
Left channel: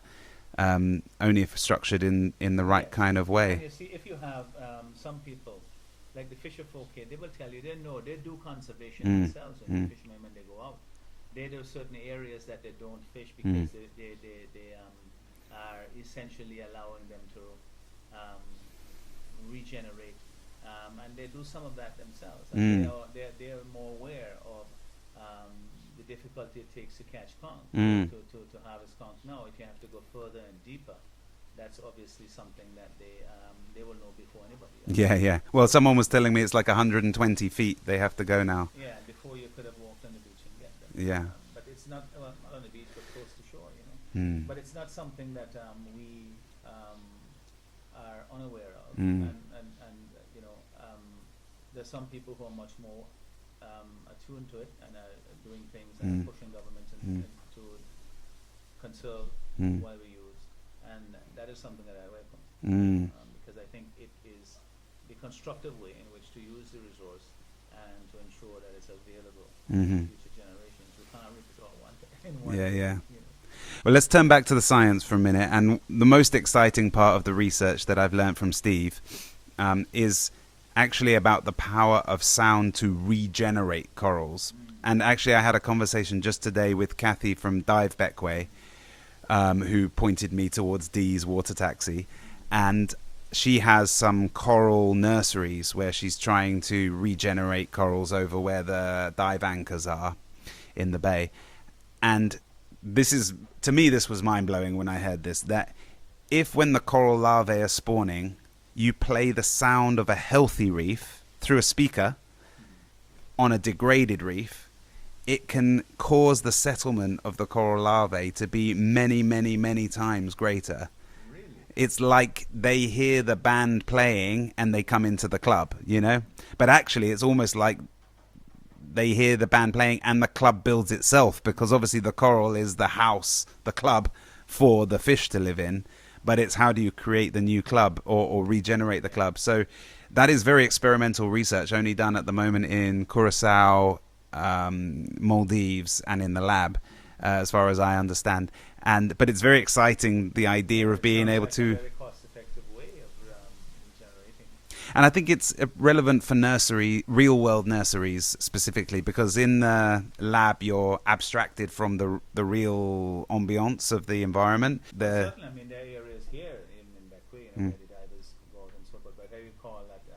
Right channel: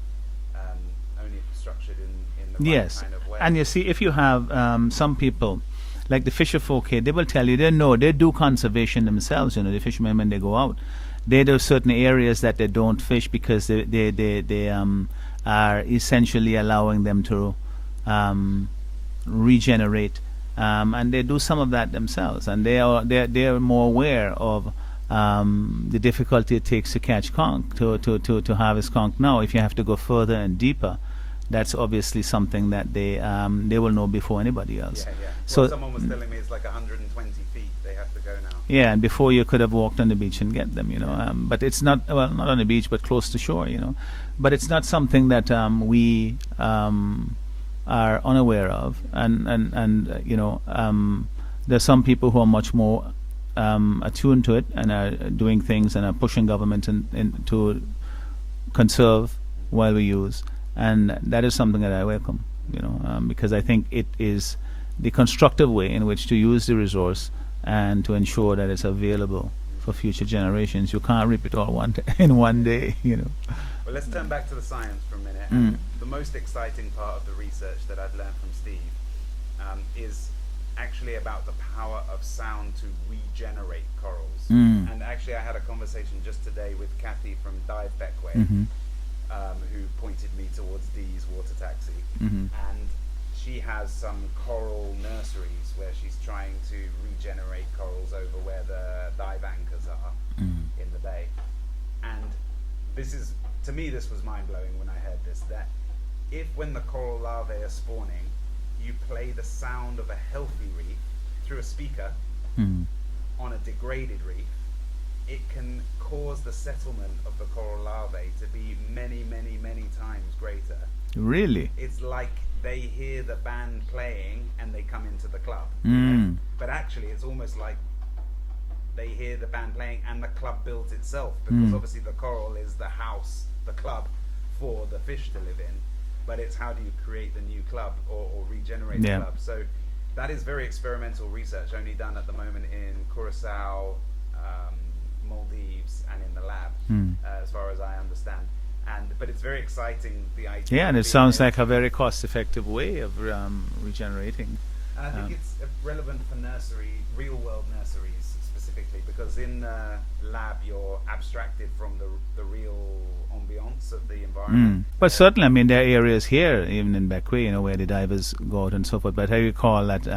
only if structured in the right kind of way. And you see, if you have some people like the fisher folk here, they will tell you they do conservation themselves. The fishermen, when they go out, they do certain areas that they don't fish because they are essentially allowing them to regenerate, and they do some of that themselves, and they are more aware of the difficulty it takes to catch conch, to harvest conch now. If you have to go further and deeper, that's obviously something that they will know before anybody else. Yeah. So Well, someone was telling me it's like 120 feet they have to go now. yeah, and before you could have walked on the beach and get them, Yeah. but it's not, well, not on the beach, but close to shore, Mm. But it's not something that we are unaware of, there's some people who are much more attuned to it and are doing things and are pushing government to conserve while we use, and that is something that I welcome, because I think it is the constructive way in which to use the resource and to ensure that it's available for future generations. You can't rip it all in one day. Well, let's turn back to the science for a minute. And the most exciting part of the research that I've learned from Steve is actually about the power of sound to regenerate corals. And actually, I had a conversation just today with Kathy from Dive Beckway, who pointed me towards Dee's Water Taxi. And she has some coral nurseries where she's trying to regenerate corals over where the dive anchors are in the bay. And this is, to me, this was mind-blowing when I heard this, that if when the coral larvae are spawning, you play the sound of a healthy reef through a speaker on a degraded reef, it can cause the settlement of the coral larvae to be many, many, many times greater. Really? It's like they hear the band playing and they come into the club, But actually, it's almost like they hear the band playing and the club builds itself, because obviously the coral is the house, the club for the fish to live in. But it's how do you create the new club or regenerate the club? So that is very experimental research, only done at the moment in Curacao, Maldives, and in the lab, as far as I understand. But it's very exciting, the idea of and it being sounds able like to, a very cost-effective way of regenerating. and I think it's relevant for real-world nurseries specifically, because in the lab you're abstracted from the real ambiance of the environment. But certainly, I mean, there are areas here, even in Beckway, where the divers go out and so forth. But I recall that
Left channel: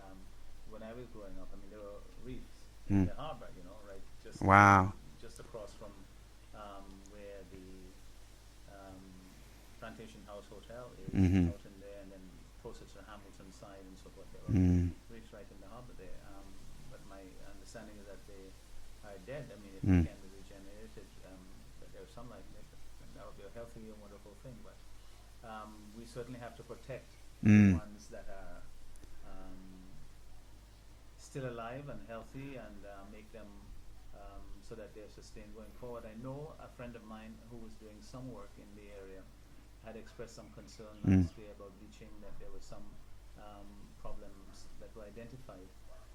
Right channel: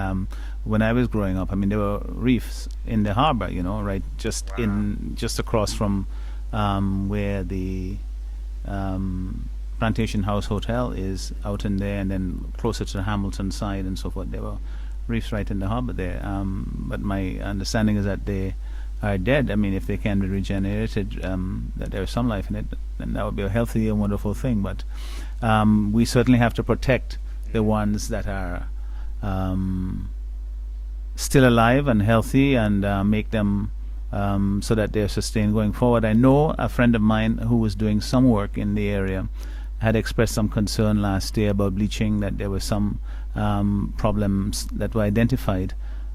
when I was growing up, I mean, there were reefs in the harbor, right, just across from where the Plantation House Hotel is out in there, and then closer to the Hamilton side and so forth. There were reefs right in the harbor there. But my understanding is that they are dead. I mean, if they can be regenerated, that there is some life in it, then that would be a healthy and wonderful thing. But we certainly have to protect the ones that are still alive and healthy, and make them so that they're sustained going forward. I know a friend of mine who was doing some work in the area had expressed some concern last year about bleaching, that there were some problems that were identified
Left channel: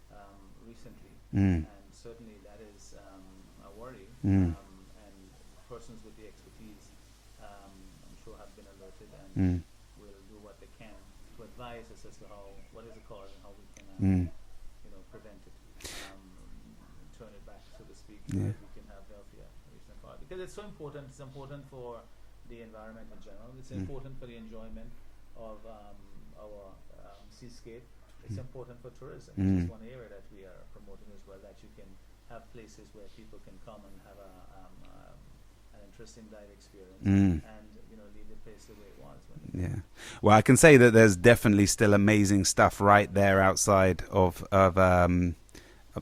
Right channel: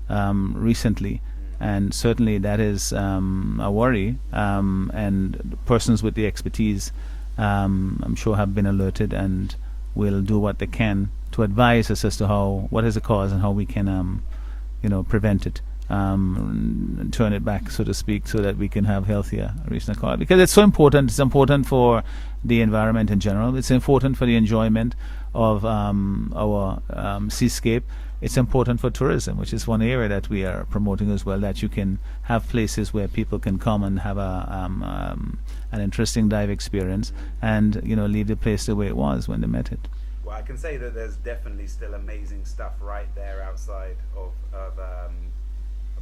recently, and certainly that is a worry, and persons with the expertise I'm sure have been alerted and will do what they can to advise us as to what is the cause and how we can prevent it, and turn it back, so to speak, so that we can have healthier reefs and coral. Because it's so important. It's important for the environment in general. It's important for the enjoyment of our seascape. It's important for tourism, which is one area that we are promoting as well, that you can have places where people can come and have an interesting dive experience, and leave the place the way it was when they met it. Well, I can say that there's definitely still amazing stuff right there outside of a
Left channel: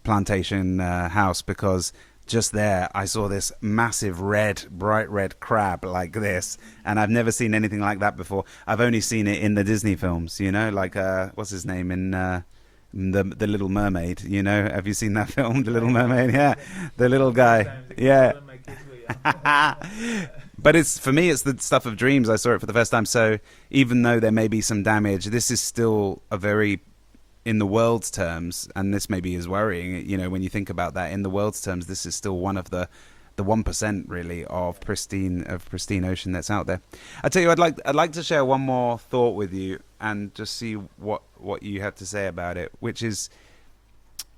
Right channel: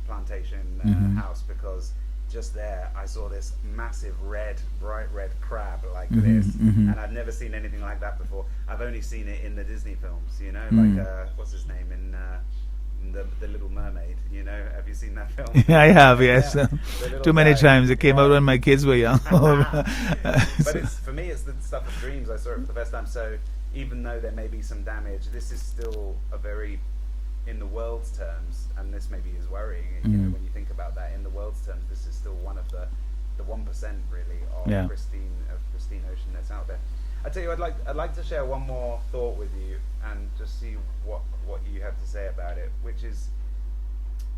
Plantation House, because just there I saw this massive bright red crab like this, and I've never seen anything like that before. I've only seen it in the Disney films, like what's his name in the Little Mermaid, have you seen that film? Yeah, I have, yes. Yeah. The little Too guy. many times. It came out when my kids were young. But for me it's the stuff of dreams. I saw it for the first time, so even though there may be some damage, this is still a very, in the world's terms, and this maybe is worrying, when you think about that, in the world's terms, this is still one of the 1% really of pristine ocean that's out there. I tell you, I'd like to share one more thought with you and just see what you have to say about it, which is,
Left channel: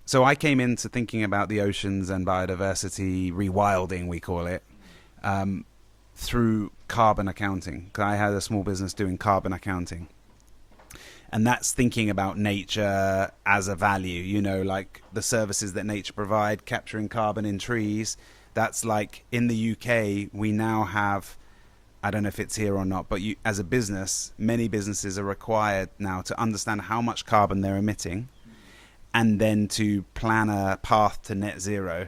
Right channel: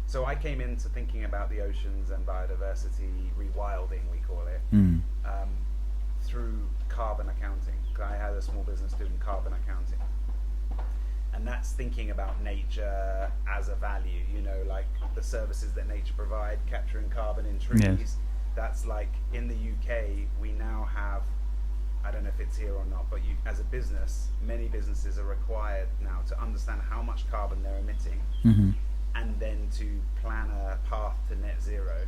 so I came into thinking about the oceans and biodiversity rewilding, we call it, through carbon accounting. 'Cause I had a small business doing carbon accounting. And that's thinking about nature as a value, like the services that nature provide, capturing carbon in trees. That's like in the UK, we now have I don't know if it's here or not, but you, as a business, many businesses are required now to understand how much carbon they're emitting, and then to plan a path to net zero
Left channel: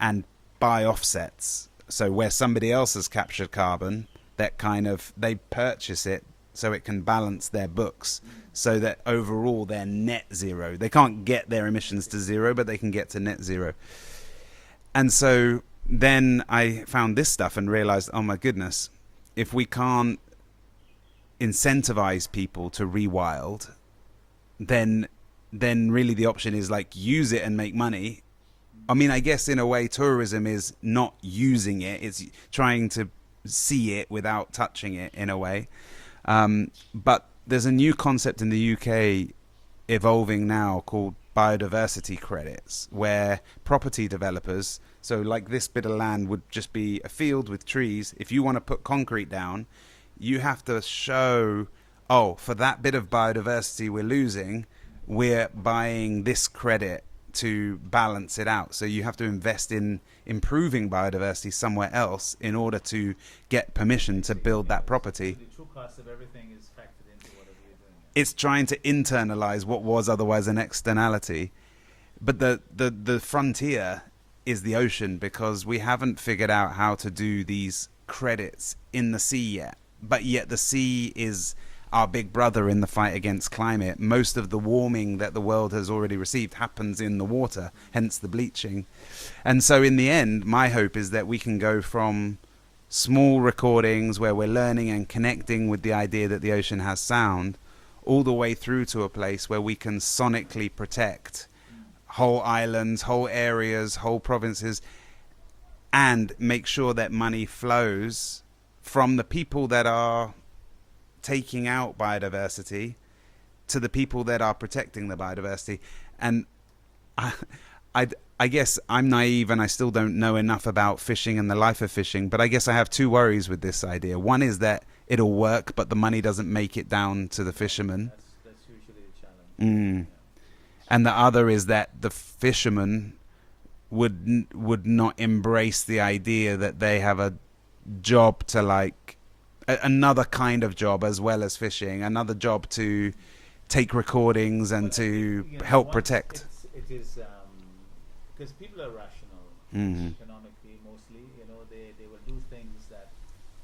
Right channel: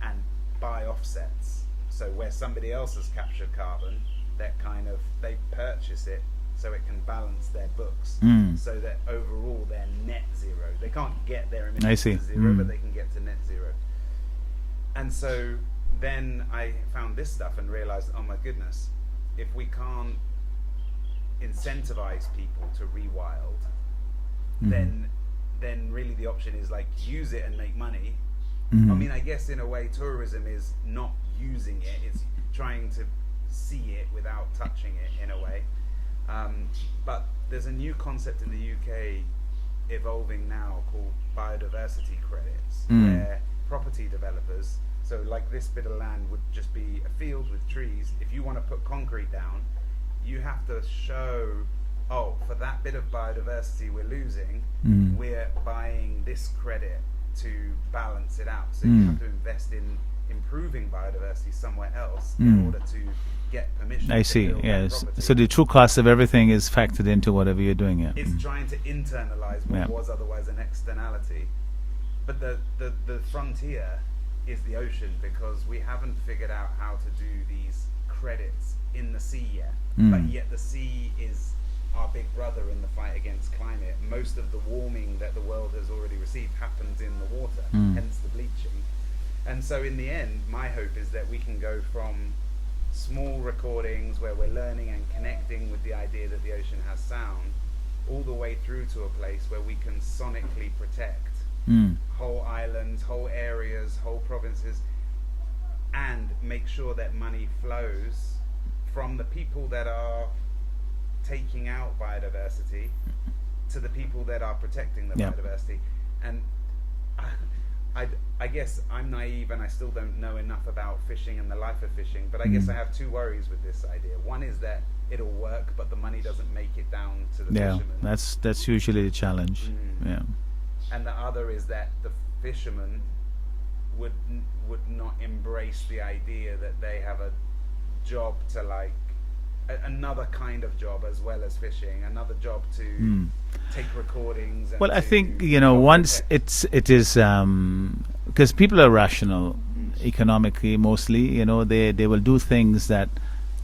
and buy offsets. So where somebody else has captured carbon, that kind of, they purchase it so it can balance their books, so that overall they're net zero. They can't get their emissions to zero, but they can get to net zero. And so then I found this stuff and realized, oh my goodness, if we can't incentivize people to rewild, then really the option is like use it and make money. I mean, I guess in a way tourism is not using it, it's trying to see it without touching it in a way. But there's a new concept in the UK evolving now called biodiversity credits, where property developers, so like this bit of land would just be a field with trees. If you want to put concrete down, you have to show, oh, for that bit of biodiversity we're losing, we're buying this credit to balance it out. So you have to invest in improving biodiversity somewhere else in order to get permission to build that property. So the true cost of everything is factored into whatever you're doing here. It's trying to internalize what was otherwise an externality. But the frontier is the ocean, because we haven't figured out how to do these credits in the sea yet. But yet the sea is our big brother in the fight against climate. Most of the warming that the world has already received happens in the water, hence the bleaching. And so in the end, my hope is that we can go from small recordings where we're learning and connecting with the idea that the ocean has sound, all the way through to a place where we can sonically protect whole islands, whole areas, whole provinces, and make sure that money flows from the people that are taking out biodiversity to the people that are protecting the biodiversity. And I guess I'm naive and I still don't know enough about fishing and the life of fishing, but I guess I have two worries with this idea. One is that it'll work, but the money doesn't make it down to the fishermen. That's usually the challenge. And the other is that the fishermen would not embrace the idea that they have a job to, like, another kind of job as well as fishing, another job to take recordings and to I think, help once protect. it is because people are rational economically mostly. They will do things that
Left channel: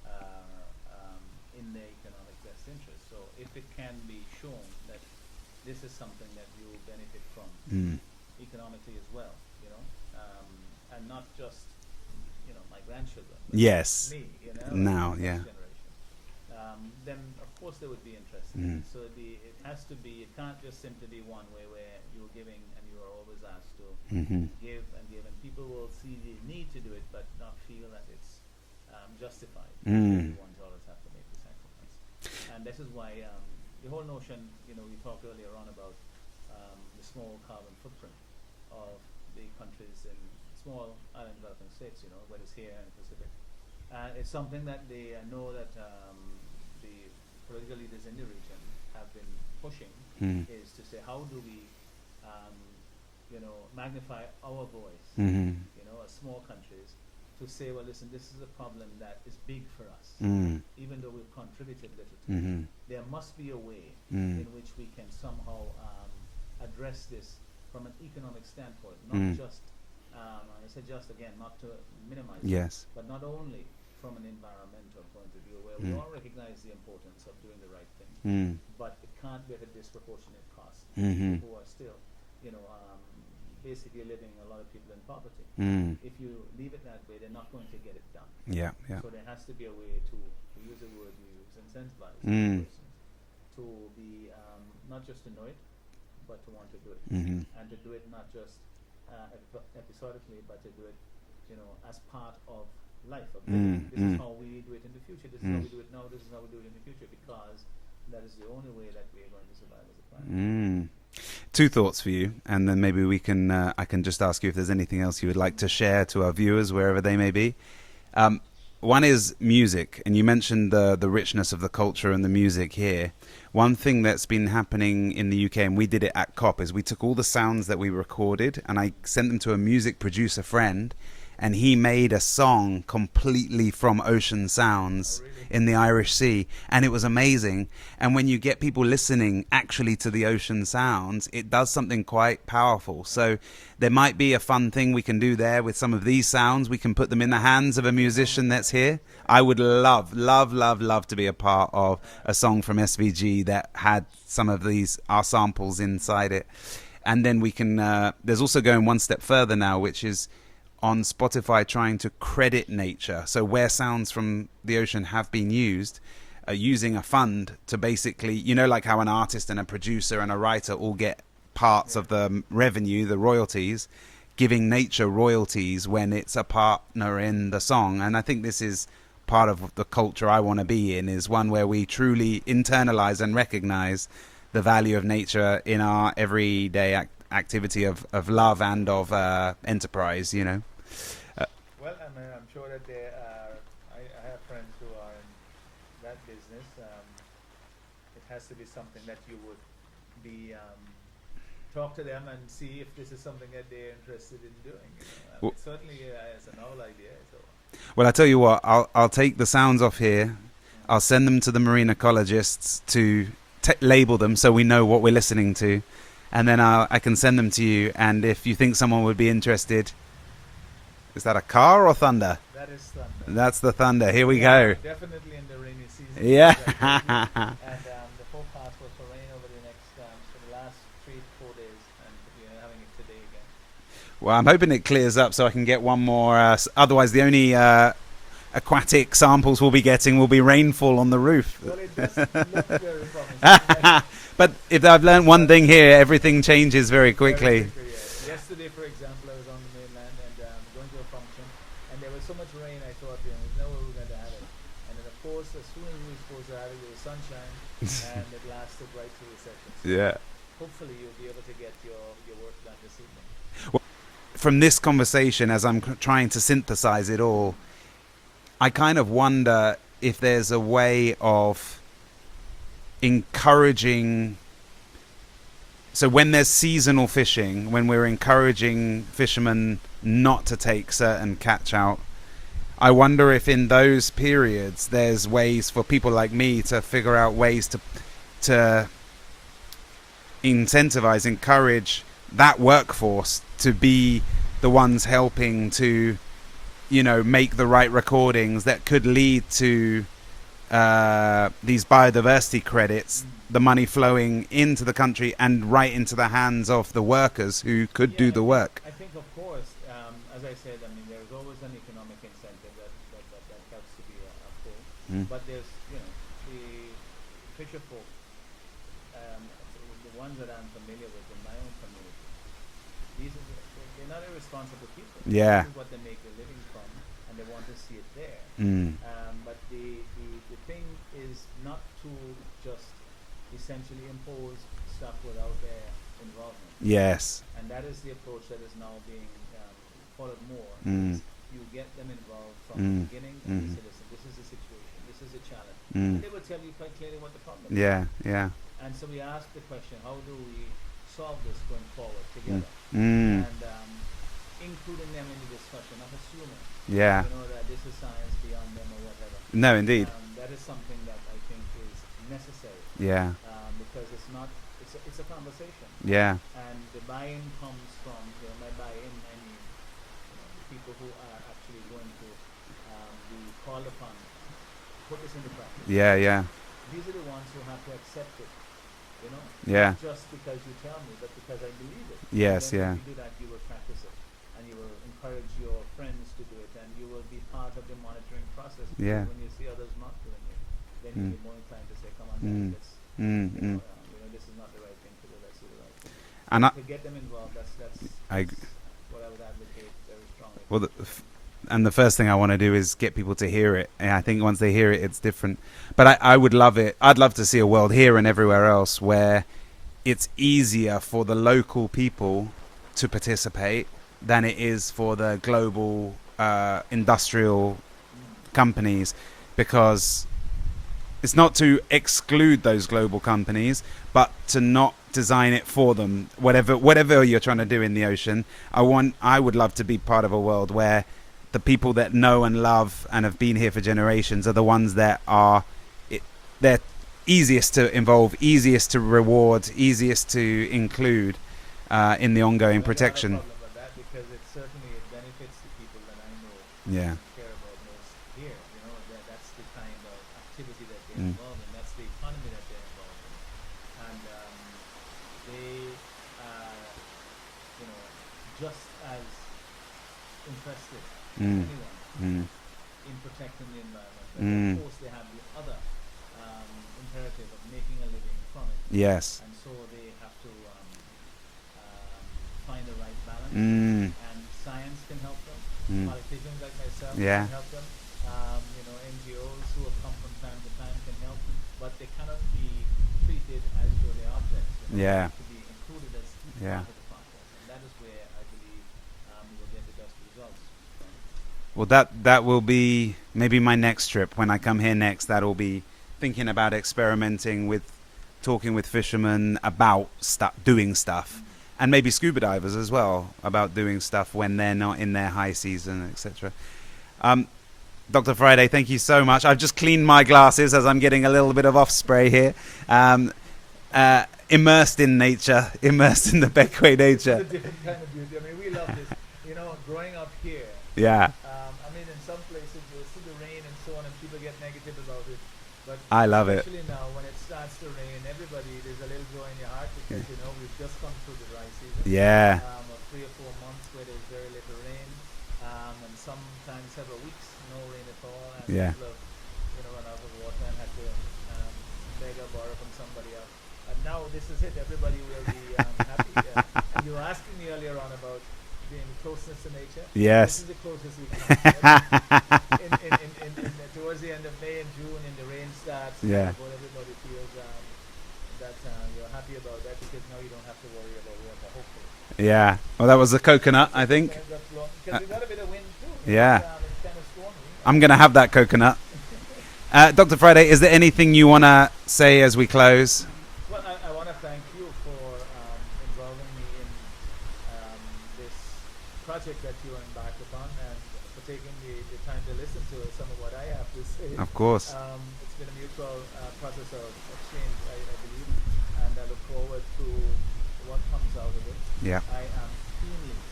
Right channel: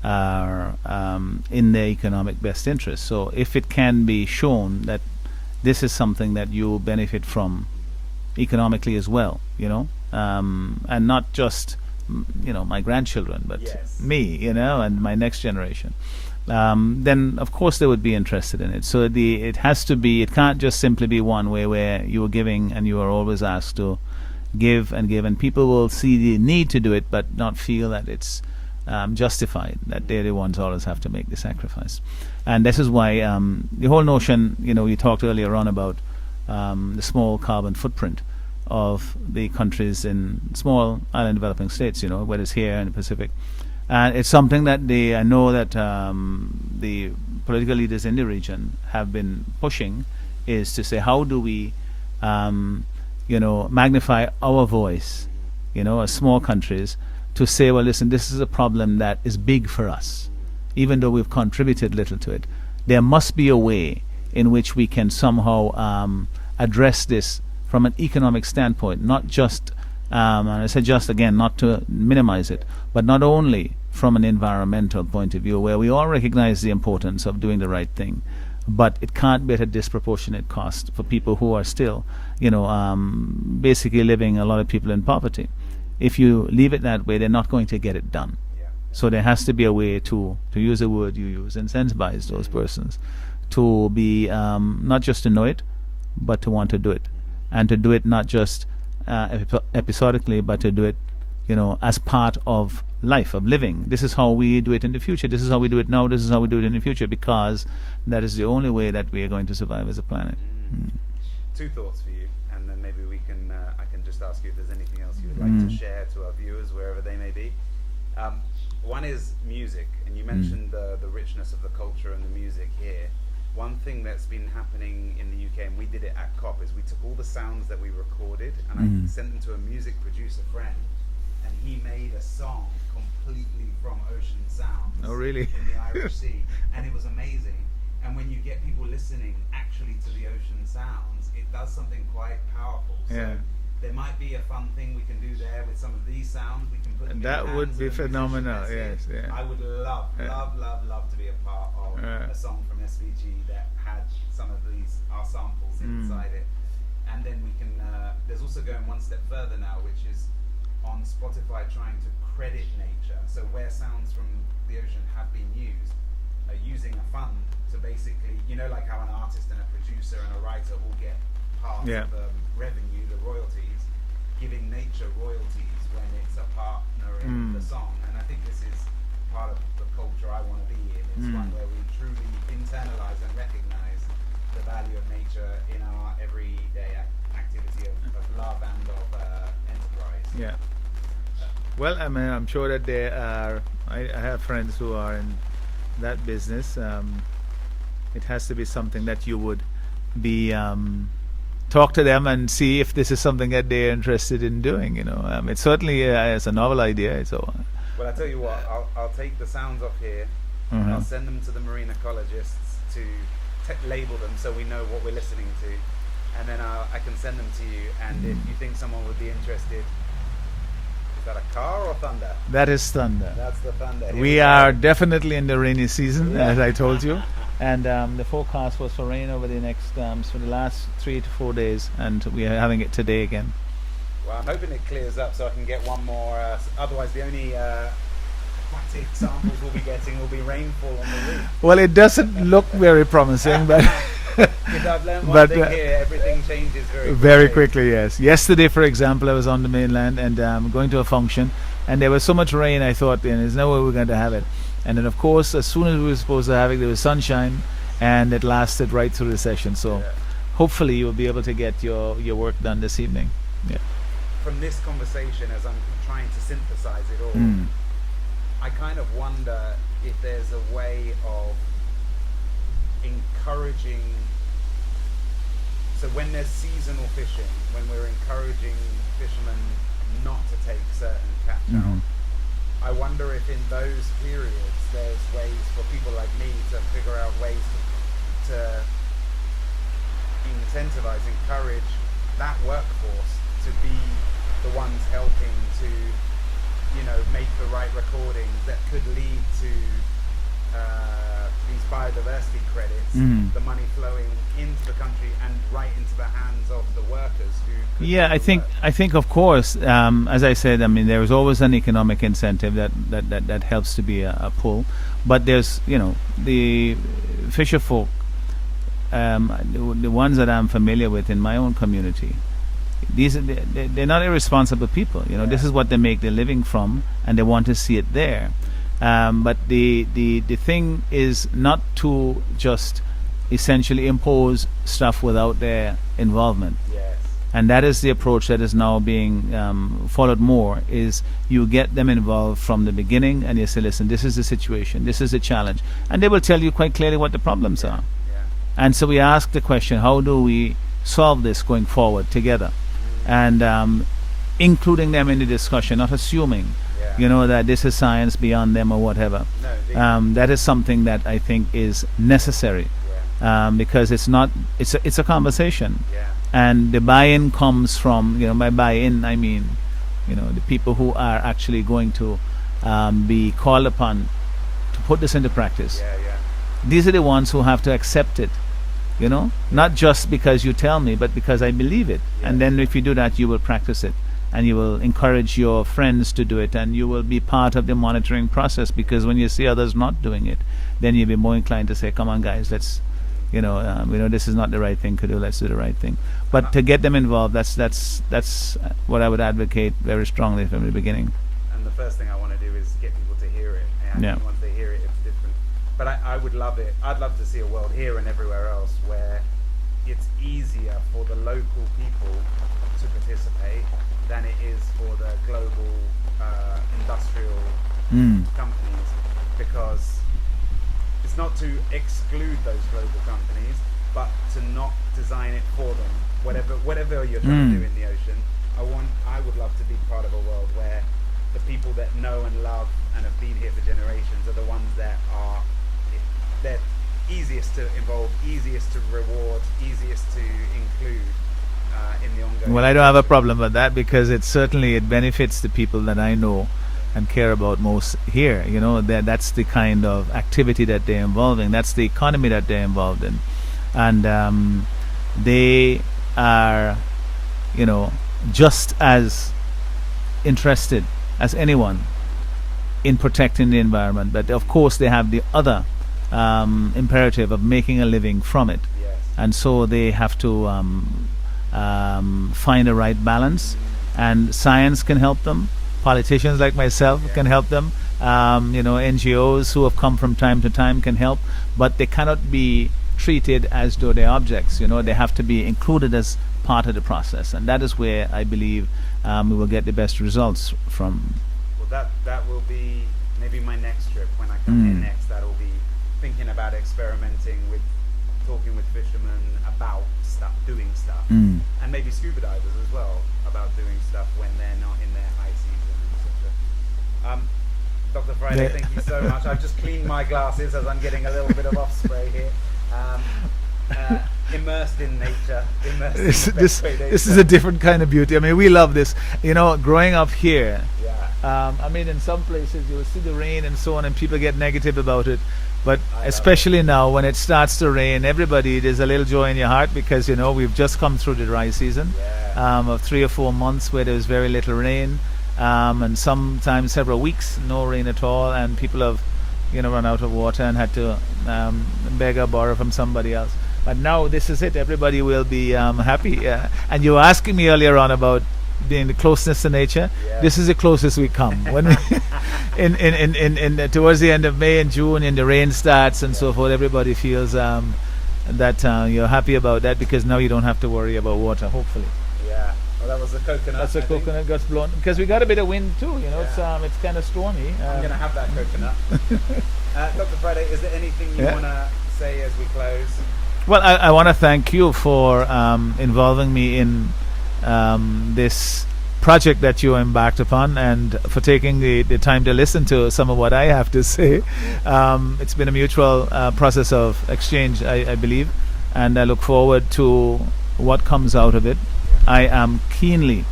are in their economic best interest. So if it can be shown that this is something that you benefit from economically as well, and not just my grandchildren, but me, and my next generation, then of course they would be interested in it. So it has to be, it can't just simply be one way where you are giving and you are always asked to give, and people will see the need to do it but not feel that it's justified, that they're the ones always have to make the sacrifice. And this is why the whole notion, you talked earlier on about the small carbon footprint of the countries in small island developing states, whether it's here in the Pacific. And it's something that I know that the political leaders in the region have been pushing, is to say, how do we, magnify our voice, as small countries, to say, well, listen, this is a problem that is big for us, even though we've contributed little to it. There must be a way in which we can somehow address this from an economic standpoint, not just, and I say just again, not to minimize it, but not only from an environmental point of view, where we all recognize the importance of doing the right thing, but it can't be at a disproportionate cost for people who are still, basically living, a lot of people in poverty. If you leave it that way, they're not going to get it done. So there has to be a way to use the word you use, incentivize those persons to be, not just to know it, but to want to do it, and to do it not just episodically, but to do it, as part of life, of living. This is how we do it in the future. This is how we do it now. This is how we do it in the future, because that is the only way that we are going to survive as a planet. Two thoughts for you, and then maybe we can I can just ask you if there's anything else you would like to share to our viewers, wherever they may be. One is music, and you mentioned the richness of the culture and the music here. One thing that's been happening in the UK, and we did it at COP, is we took all the sounds that we recorded and I sent them to a music producer friend, and he made a song completely from ocean sounds. Oh, really? In the Irish Sea, and it was amazing. And when you get people listening actually to the ocean sounds, it does something quite powerful. So Yeah. there might be a fun thing we can do there with some of these sounds. We can put them in the That would hands of be a musician phenomenal, that's here. yes, yeah. I would love to be a part of a song from SVG that had some of these our samples inside it. And then we can there's also going one step further now, which is on Spotify trying to credit nature. So where sounds from the ocean have been used, using a fund to basically, you know, like how an artist and a producer and a writer all get parts of the revenue, the royalties, giving nature royalties when it's a partner in the song. And I think this is part of the culture I want to be in, is one where we truly internalize and recognize the value of nature in our everyday activity of love and of enterprise, you know. Well, I mean, I'm sure that there are. I have friends who are in that business. It has to be something that you would be talk to them and see if this is something that they're interested in doing. You know, it's certainly it's a novel idea. So, well, I tell you what, I'll take the sounds off here. I'll send them to the marine ecologists to label them so we know what we're listening to, and then I can send them to you. And if you think someone would be interested. Is that a car or thunder? That is thunder. That's the thunder. Here we We go. are definitely in the rainy season, Yeah. as I told you. And the forecast was for rain over the next, for the last 3 to 4 days, and we are having it today again. Well, I'm hoping it clears up so I can get one more. Otherwise, the only aquatic samples we'll be getting will be rainfall on the roof. Well, it doesn't look very promising, but But if I've learned one But, thing here, everything changes very quickly. very quickly, yes. Yesterday, for example, I was on the mainland and going to a function, and there was so much rain, I thought, there's no way we're going to have it. And then, of course, as soon as we were supposed to have it, there was sunshine, and it lasted right through the session. So Yeah. hopefully you will be able to get your work done this evening. From this conversation, as I'm trying to synthesize it all, I kind of wonder if there's a way of encouraging. So when there's seasonal fishing, when we're encouraging fishermen not to take certain catch out, I wonder if in those periods there's ways for people like me to figure out ways to incentivize, encourage that workforce to be the ones helping to, you know, make the right recordings that could lead to these biodiversity credits, the money flowing into the country and right into the hands of the workers who could do the work. I think, of course, as I said, I mean, there is always an economic incentive that helps to be a pull. But there's, you know, the fisher folk, the ones that I'm familiar with in my own community, they're not irresponsible people. You know, this is what they make their living from, and they want to see it there. But the thing is not to just essentially impose stuff without their involvement. Yes. And that is the approach that is now being followed more, is you get them involved from the beginning, and you say, listen, this is the situation, this is the challenge. And they will tell you quite clearly what the problems are. Yeah. And so we ask the question, how do we solve this going forward together? And including them in the discussion, not assuming, you know, that this is science beyond them or whatever. No, indeed. That is something that I think is necessary. Because it's a conversation. And the buy-in comes from, you know, by buy-in I mean, you know, the people who are actually going to be called upon to put this into practice. These are the ones who have to accept it. You know, not just because you tell me, but because I believe it. And then if you do that, you will practice it, and you will encourage your friends to do it, and you will be part of the monitoring process, because when you see others not doing it, then you'll be more inclined to say, come on guys, let's you know, this is not the right thing to do, let's do the right thing. But to get them involved, that's what I would advocate very strongly from the beginning. And the first thing I want to do is get people to hear it, and I think once they hear it, it's different. But I would love it. I'd love to see a world here and everywhere else where it's easier for the local people to participate than it is for the global industrial companies, because it's not to exclude those global companies, but to not design it for them. Whatever you're trying to do in the ocean, I would love to be part of a world where the people that know and love and have been here for generations are the ones that are they're easiest to involve, easiest to reward, easiest to include in the ongoing Well, I don't have a protection. problem with that, because it benefits the people that I know and care about most here. You know, that's the kind of activity that they're involved in. That's the economy that they're involved in. And they are, you know, just as interested as anyone in protecting the environment. But of course, they have the other imperative of making a living from it. Yes. And so they have to find a right balance, and science can help them. Politicians like myself can help them. You know, NGOs who have come from time to time can help, but they cannot be treated as though they're objects. You know, they have to be included as part of the process, and that is where I believe we will get the best results from. Well, that will be maybe my next trip when I come here next. That will be thinking about experimenting with, talking with fishermen about doing stuff, and maybe scuba divers as well about doing stuff when they're not in their high season, etc. Dr. Friday, thank you so much. I've just cleaned my glasses as I'm getting a little bit of off spray here. Immersed in nature, immersed in the best way nature. This is a different kind of beauty. I mean, we love this. You know, growing up here, I mean, in some places you will see the rain and so on, and people get negative about it. But especially now, when it starts to rain, there's a little joy in your heart, because, you know, we've just come through the dry season of 3 or 4 months where there was very little rain, and sometimes several weeks no rain at all, and people have, you know, run out of water and had to beg or borrow from somebody else. But now this is it. Everybody will be happy. And you were asking me earlier on about being the closeness to nature. This is the closest we come. When in towards the end of May and June, and the rain starts and so forth, everybody feels that you're happy about that, because now you don't have to worry about water, hopefully. Yeah. Well, that was the coconut, I think. Coconut got blown, because we got a bit of wind too. You know, it's kind of stormy. I'm going to have that coconut. Dr. Friday, is there anything you want to say as we close? Well, I want to thank you for involving me in this project that you embarked upon, and for taking the time to listen to some of what I have to say. Of course. It's been a mutual process of exchange, I believe, and I look forward to what comes out of it. I am keenly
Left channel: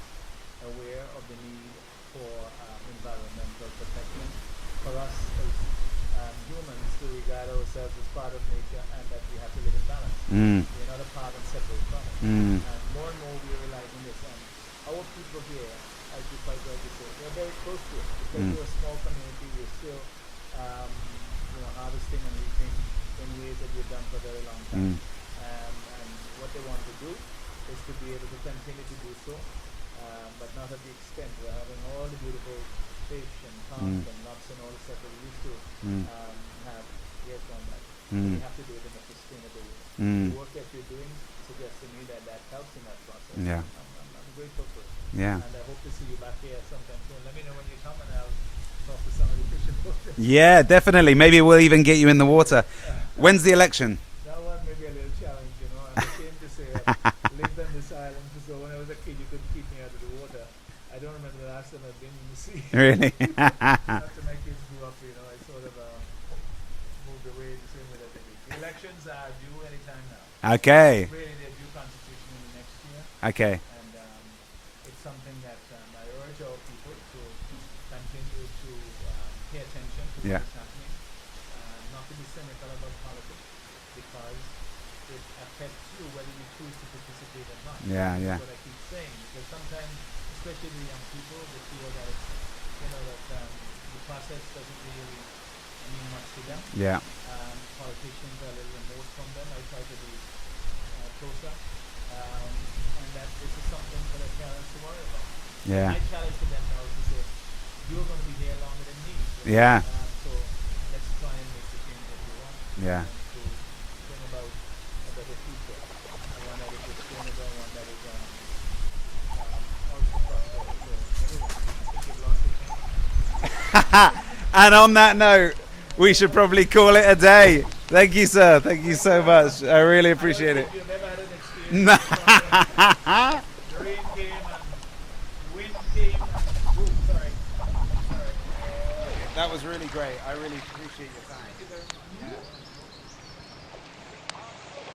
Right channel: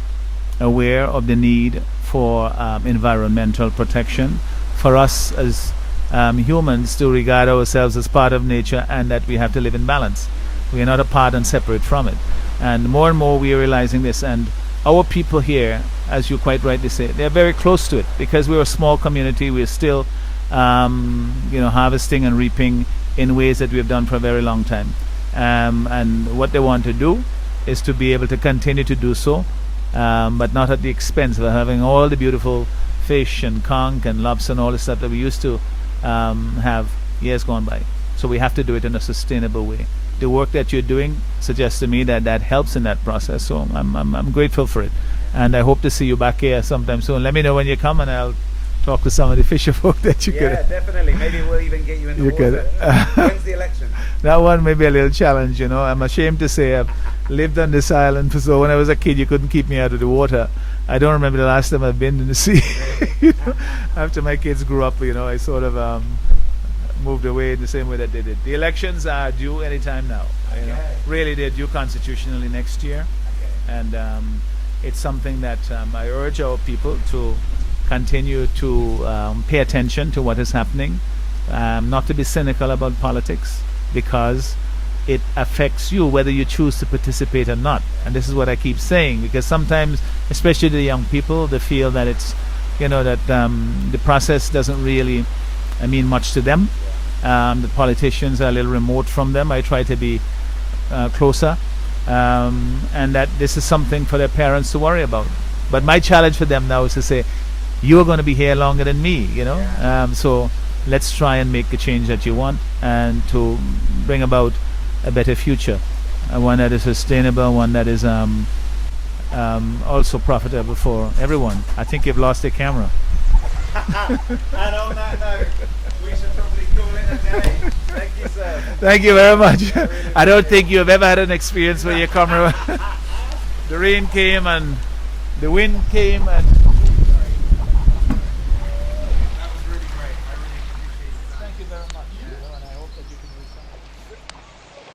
aware of the need for environmental protection, for us as humans to regard ourselves as part of nature, and that we have to live in balance. We are not apart and separate from it. And more we are realizing this, and our people here, as you quite rightly say, they're very close to it, because we're a small community. We're still you know, harvesting and reaping in ways that we've done for a very long time, and what they want to do is to be able to continue to do so, but not at the expense of having all the beautiful fish and conch and lobster and all the stuff that we used to have years gone by. So we have to do it in a sustainable way. The work that you're doing suggests to me that helps in that process. So I'm grateful for it, and I hope to see you back here sometime soon. Let me know when you come, and I'll talk to some of the fisher folk that you definitely. Maybe we'll even get you in the water. When's the election? That one may be a little challenge, you know. I'm ashamed to say I've lived on this island, so when I was a kid you couldn't keep me out of the water. I don't remember the last time I've been in the sea. Really? You know, after my kids grew up, you know, I sort of moved away in the same way that they did. The elections are due anytime now. Okay. And really, they're due constitutionally next year. Okay. And it's something that I urge our people to continue to pay attention to what is happening, not to be cynical about politics, because it affects you whether you choose to participate or not. And this is what I keep saying, because sometimes, especially the young people, they feel that it's, you know, that the process doesn't really mean much to them. The politicians are a little remote from them. I try to be closer, and that this is something for their parents to worry about. But my challenge for them now is to say, you're going to be here longer than me, you know. So let's try and make the change that you want, and to bring about a better future, one that is sustainable, one that is also profitable for everyone. I think you've lost the camera. And on that note, we should probably call it a day. Thank you, sir. Thank you very much. I really appreciate I don't think you have ever had an experience where your camera, the rain came and the wind came and